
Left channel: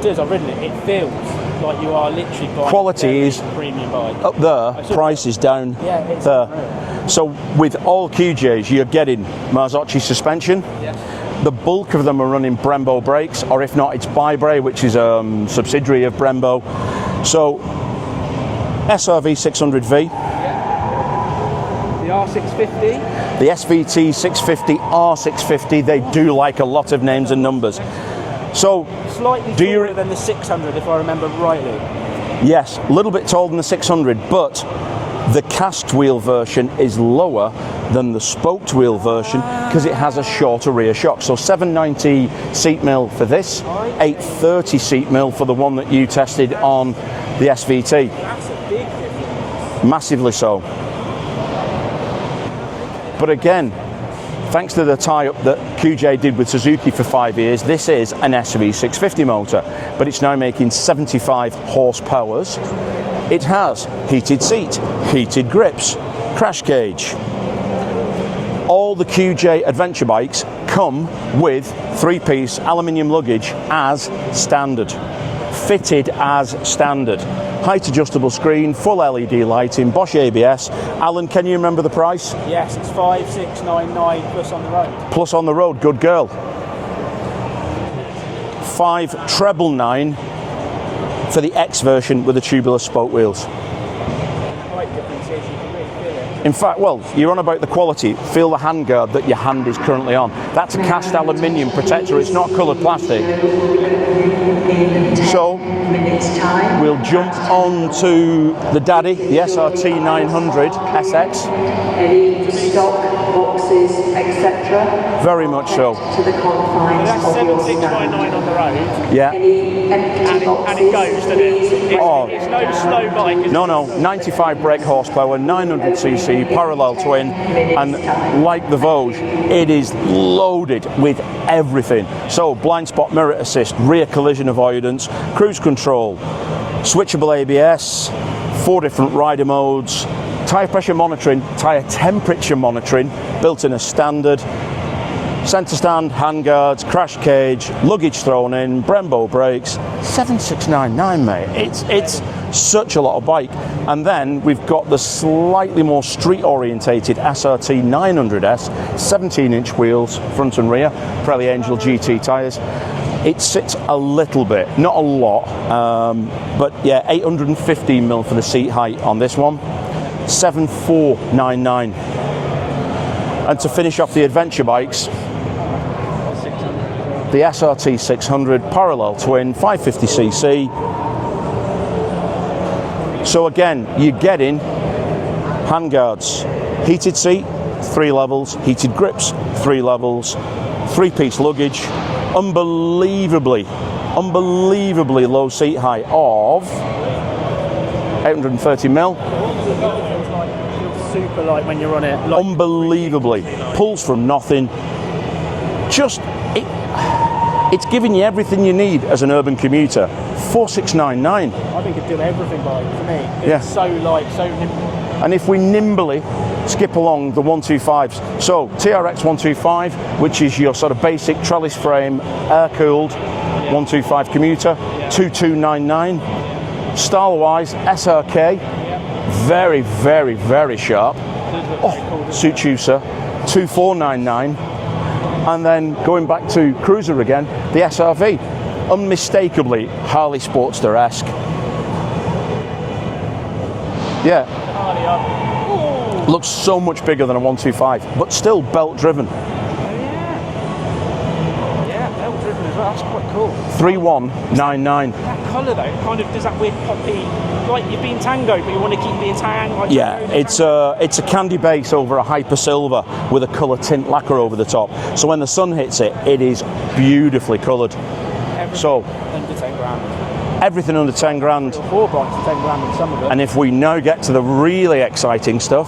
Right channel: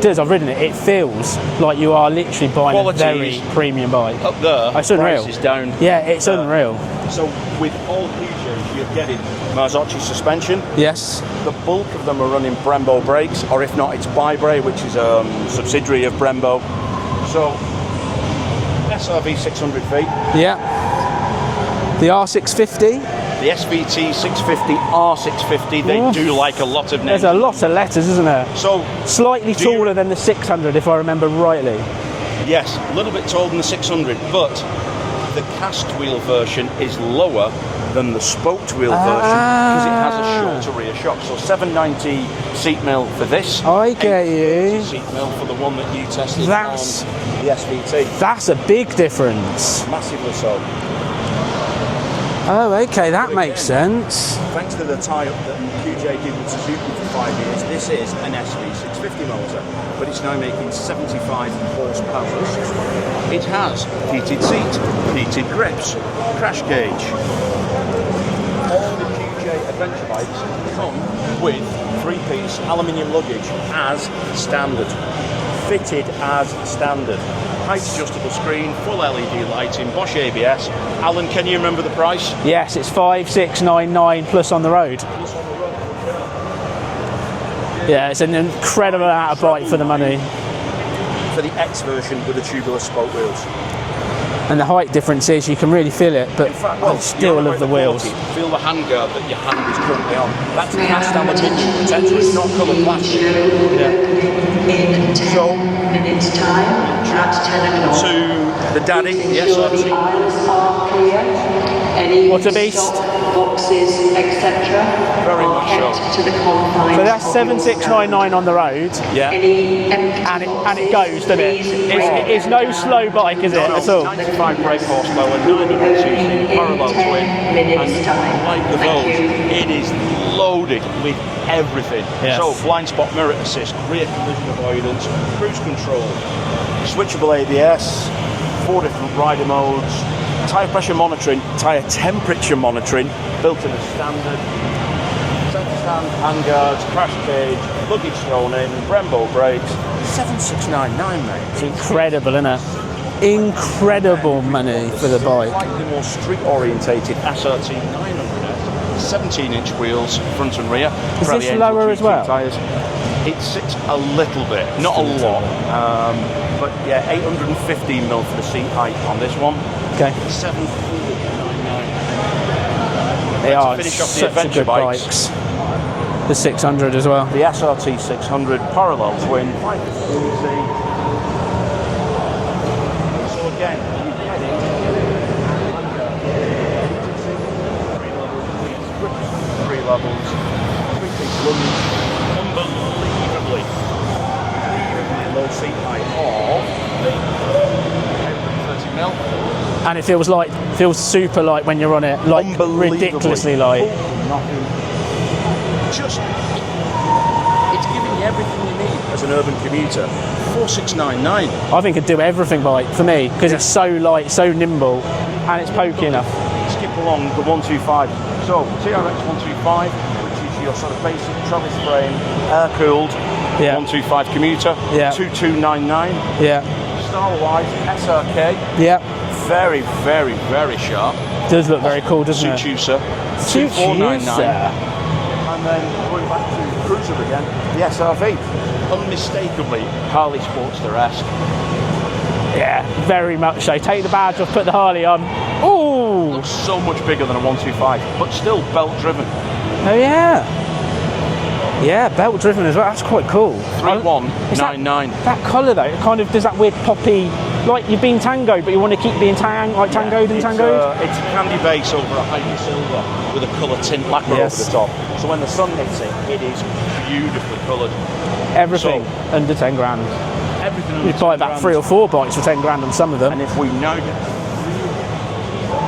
does, I've ridden it, it feels like you are literally buying quality a very is premium bike. Up there, it's price unreal. is down. Yeah, it's unreal. So with all QJs, you're getting Marzocchi suspension. Yes. The bulk of them are running Brembo brakes, or if not, it's Bibre, which is a subsidiary of Brembo. So SRV 600V. Yeah. The R650. The SVT 650, R650, they do like a lot of names and numbers. There's a lot of letters, isn't there? So slightly taller than the 600, if I remember rightly. Yes, a little bit taller than the 600, but the cast wheel version is lower than the spoked wheel version because it has a shorter rear shock. So 790 seat mil for this, 830 seat mil for the one that you tested on the SVT. That's a big difference. Massively so. Oh, okay, that makes sense. Thanks to the tie-up that QJ did with Suzuki for 5 years, this is an SV650 motor, but it's now making 75 horsepower. It has heated seat, heated grips, crash cage. All the QJ adventure bikes come with 3-piece aluminium luggage as standard, fitted as standard. Height adjustable screen, full LED lighting, Bosch ABS. Alan, can you remember the price? Yes, it's 5,699 plus on the road. Plus on the road, good girl. Yeah, it's an incredible bike for the money. For the X version with the tubular spoke wheels. And the height difference is you can really feel it. But in fact, well, you're on about the quality. Feel the handguard that your hand is currently on. That's a cast aluminium protector. It's not coloured plastic. So we'll jump to the Daddy, the SRT 900 SX. What a beast! Boxes, etc. Very much so. To the confines. So that's 7,699 on the road. Yeah. Any empty and it goes, doesn't it? It's no slow bike, is it? No, 95 brake horsepower, 900cc, parallel twin, and like the Voge, it is loaded with everything. Yes. So blind spot mirror assist, rear collision avoidance, cruise control, switchable ABS, 4 different rider modes, tyre pressure monitoring, tyre temperature monitoring, built in as standard, centre stand, handguards, crash cage, luggage thrown in, Brembo brakes, 7,699, mate. Incredible, isn't it? Such a lot of bike. Incredible. And then we've got the slightly more street-orientated SRT 900S, 17-inch wheels, front and rear, Pirelli Angel GT tyres. It sits a little bit, not a lot, but yeah, 815 mil for the seat height on this one. Okay, 7,499. And to finish off the adventure bikes, the 600 as well. The SRT 600 parallel twin, 550cc. So again, you're getting handguards, heated seat, 3 levels, heated grips, 3 levels, 3-piece luggage, unbelievably low seat height of 830 mil. And it feels super light when you're on it, like ridiculously light. Pulls from nothing. It's giving you everything you need as an urban commuter. 4,699. I think it'd do everything for me because it's so light, so nimble, and if we're nimble skip along the 125s. So TRX 125, which is your sort of basic trellis frame, air-cooled 125 commuter, 2299. Yeah. Style-wise, SRK. Yeah. Very, very, very sharp. Does look very cool, doesn't it? Suchusa, 2499. And then going back to Cruiser again, the SRV. Unmistakably Harley Sportster-esque. Yeah, very much so. Take the badge off, put the Harley on. Ooh! Looks so much bigger than a 125, but still belt-driven. Oh yeah. Yeah, belt-driven as well. That's quite cool. 3199. That colour though, kind of does that weird poppy, like you've been tango, but you want to keep being tango, like tango, it's a candy base over a hyper silver with a colour tint lacquer over the top. So when the sun hits it, it is beautifully coloured. Everything under 10 grand. Everything under 10 grand. 3 or 4 bikes for 10 grand on some of them. And if we now get to the really exciting stuff,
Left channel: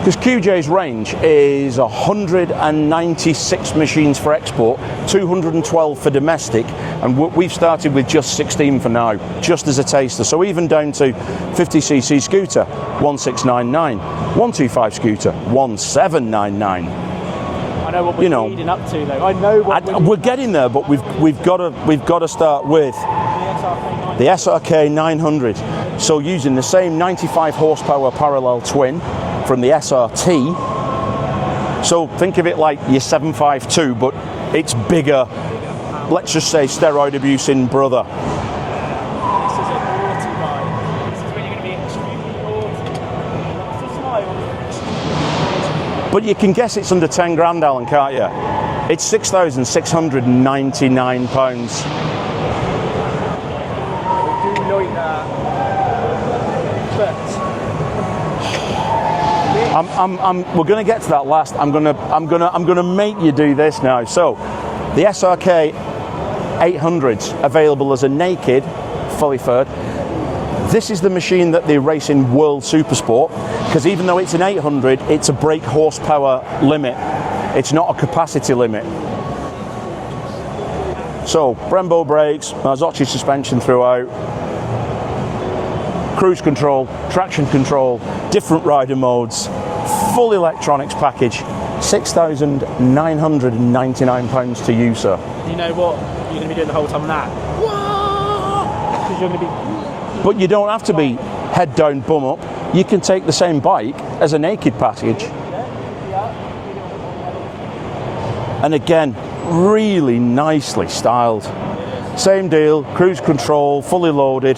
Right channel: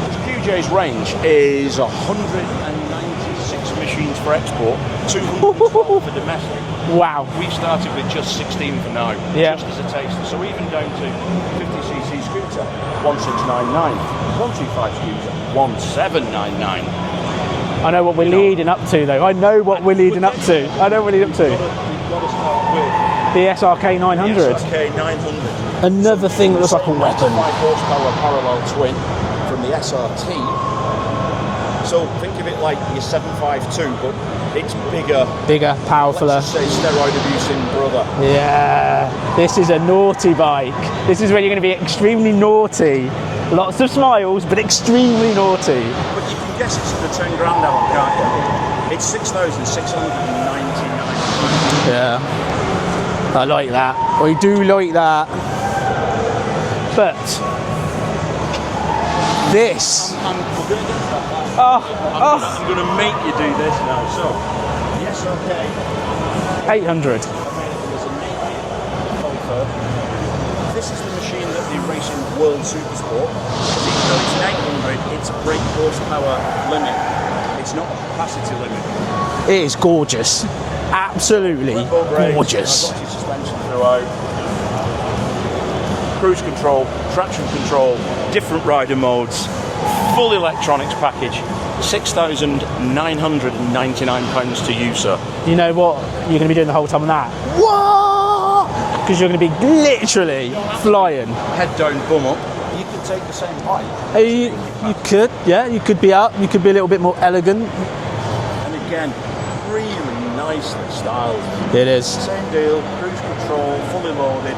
because QJ's range is 196 machines for export, 212 for domestic, and we've started with just 16 for now, just as a taster. So even down to 50cc scooter, 1699, 125 scooter, 1799. I know what we're leading up to, though. I know what we're leading up to. There, but we've got to start with the SRK 900. The SRK 900. So using the same 95 horsepower parallel twin from the SRT. So think of it like your 752, but it's bigger, powerful. Let's just say steroid abusing brother. Yeah, this is a naughty bike. This is where you're going to be extremely naughty. Lots of smiles, but extremely naughty. But you can guess it's under 10 grand, Alan, can't you? It's £6,699. Yeah. I like that. I do like that. But this, we're going to get to that last. I'm going to make you do this now. So, the SRK 800 available as a naked, fully furred. This is the machine that they race in World Supersport, because even though it's an 800, it's a brake horsepower limit. It's not a capacity limit. It is gorgeous. Absolutely. So, Brembo brakes, gorgeous. Voge suspension throughout. Cruise control, traction control, different rider modes, full electronics package, £6,999 to you, sir. You know what you're going to be doing the whole time on that? What? Because you're going to be literally But you don't have flying. to be head down, bum up. You can take the same bike as a naked package. You could, yeah. You could be up. You could be a little bit more elegant. And again, really nicely styled. It is. Same deal, cruise control, fully loaded.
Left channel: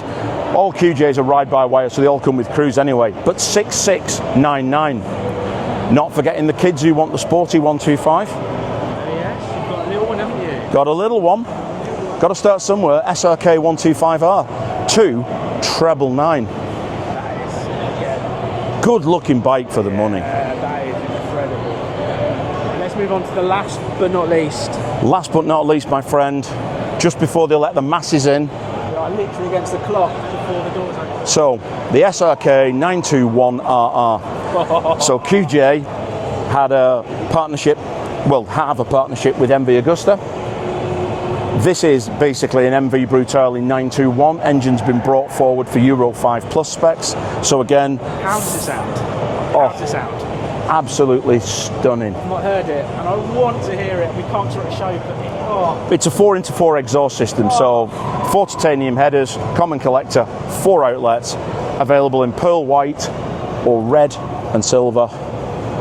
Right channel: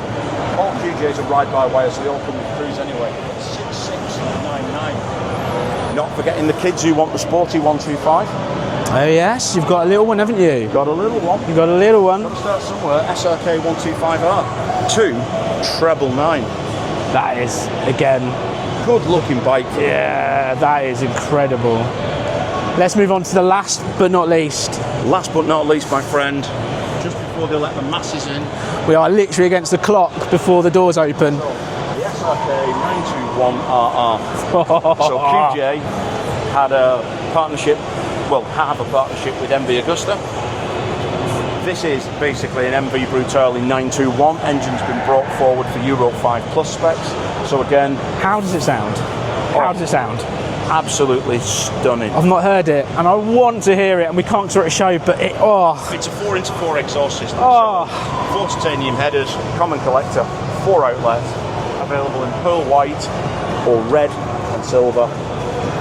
All QJs are ride-by-wire, so they all come with cruise anyway. But 6699. Not forgetting the kids who want the sporty 125. Oh yes, you've got a little one, haven't you? Got a little one. You've got a little one. Got to start somewhere. SRK 125R. 2999. That is, again, good-looking bike for the money. Yeah, that is incredible. Let's move on to the last but not least. Last but not least, my friend, just before they let the masses in. We are literally against the clock before the doors open. So, the SRK 921RR. So QJ had a partnership, have a partnership with MV Agusta. This is basically an MV Brutale 921. Engine's been brought forward for Euro 5 Plus specs. So again... How does it sound? How does it sound? Absolutely stunning. I've not heard it, and I want to hear it, and we can't sort of show, but it, It's a 4x4 exhaust system, so 4 titanium headers, common collector, 4 outlets, available in pearl white or red and silver.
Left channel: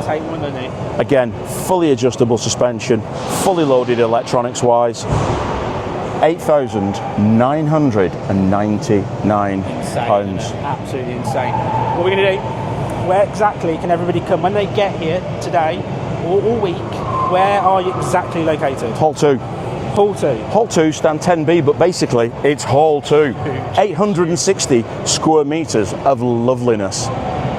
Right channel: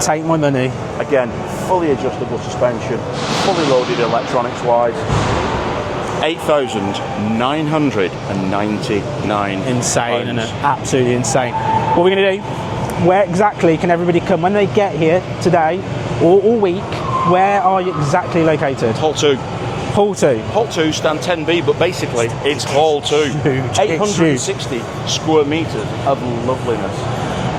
Take my money. Again, fully adjustable suspension, fully loaded electronics-wise. 8,999. Insane, isn't it? Absolutely insane. What are we going to do? Where exactly can everybody come when they get here today or all week? Where are you exactly located? Hall 2. Hall 2. Hall 2 stand 10B, but basically it's Hall 2. 860 square metres of loveliness.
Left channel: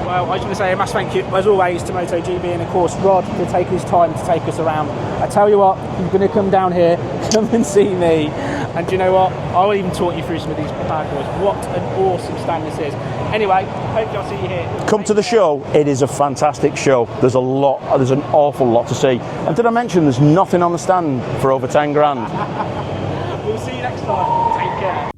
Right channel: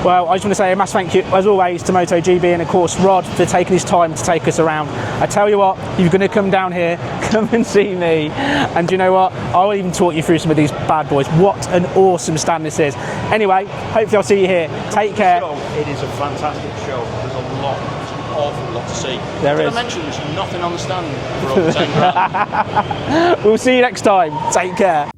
Well, I just want to say a massive thank you, as always, to MotoGB and, of course, Rod for taking his time to take us around. I tell you what, you're going to come down here, come and see me. And you know what? I'll even talk you through some of these bad boys. What an awesome stand this is. Anyway, hopefully I'll see you here. Come to the show. It is a fantastic show. There's an awful lot to see. And did I mention there's nothing on the stand for over 10 grand? We'll see you next time. Take care.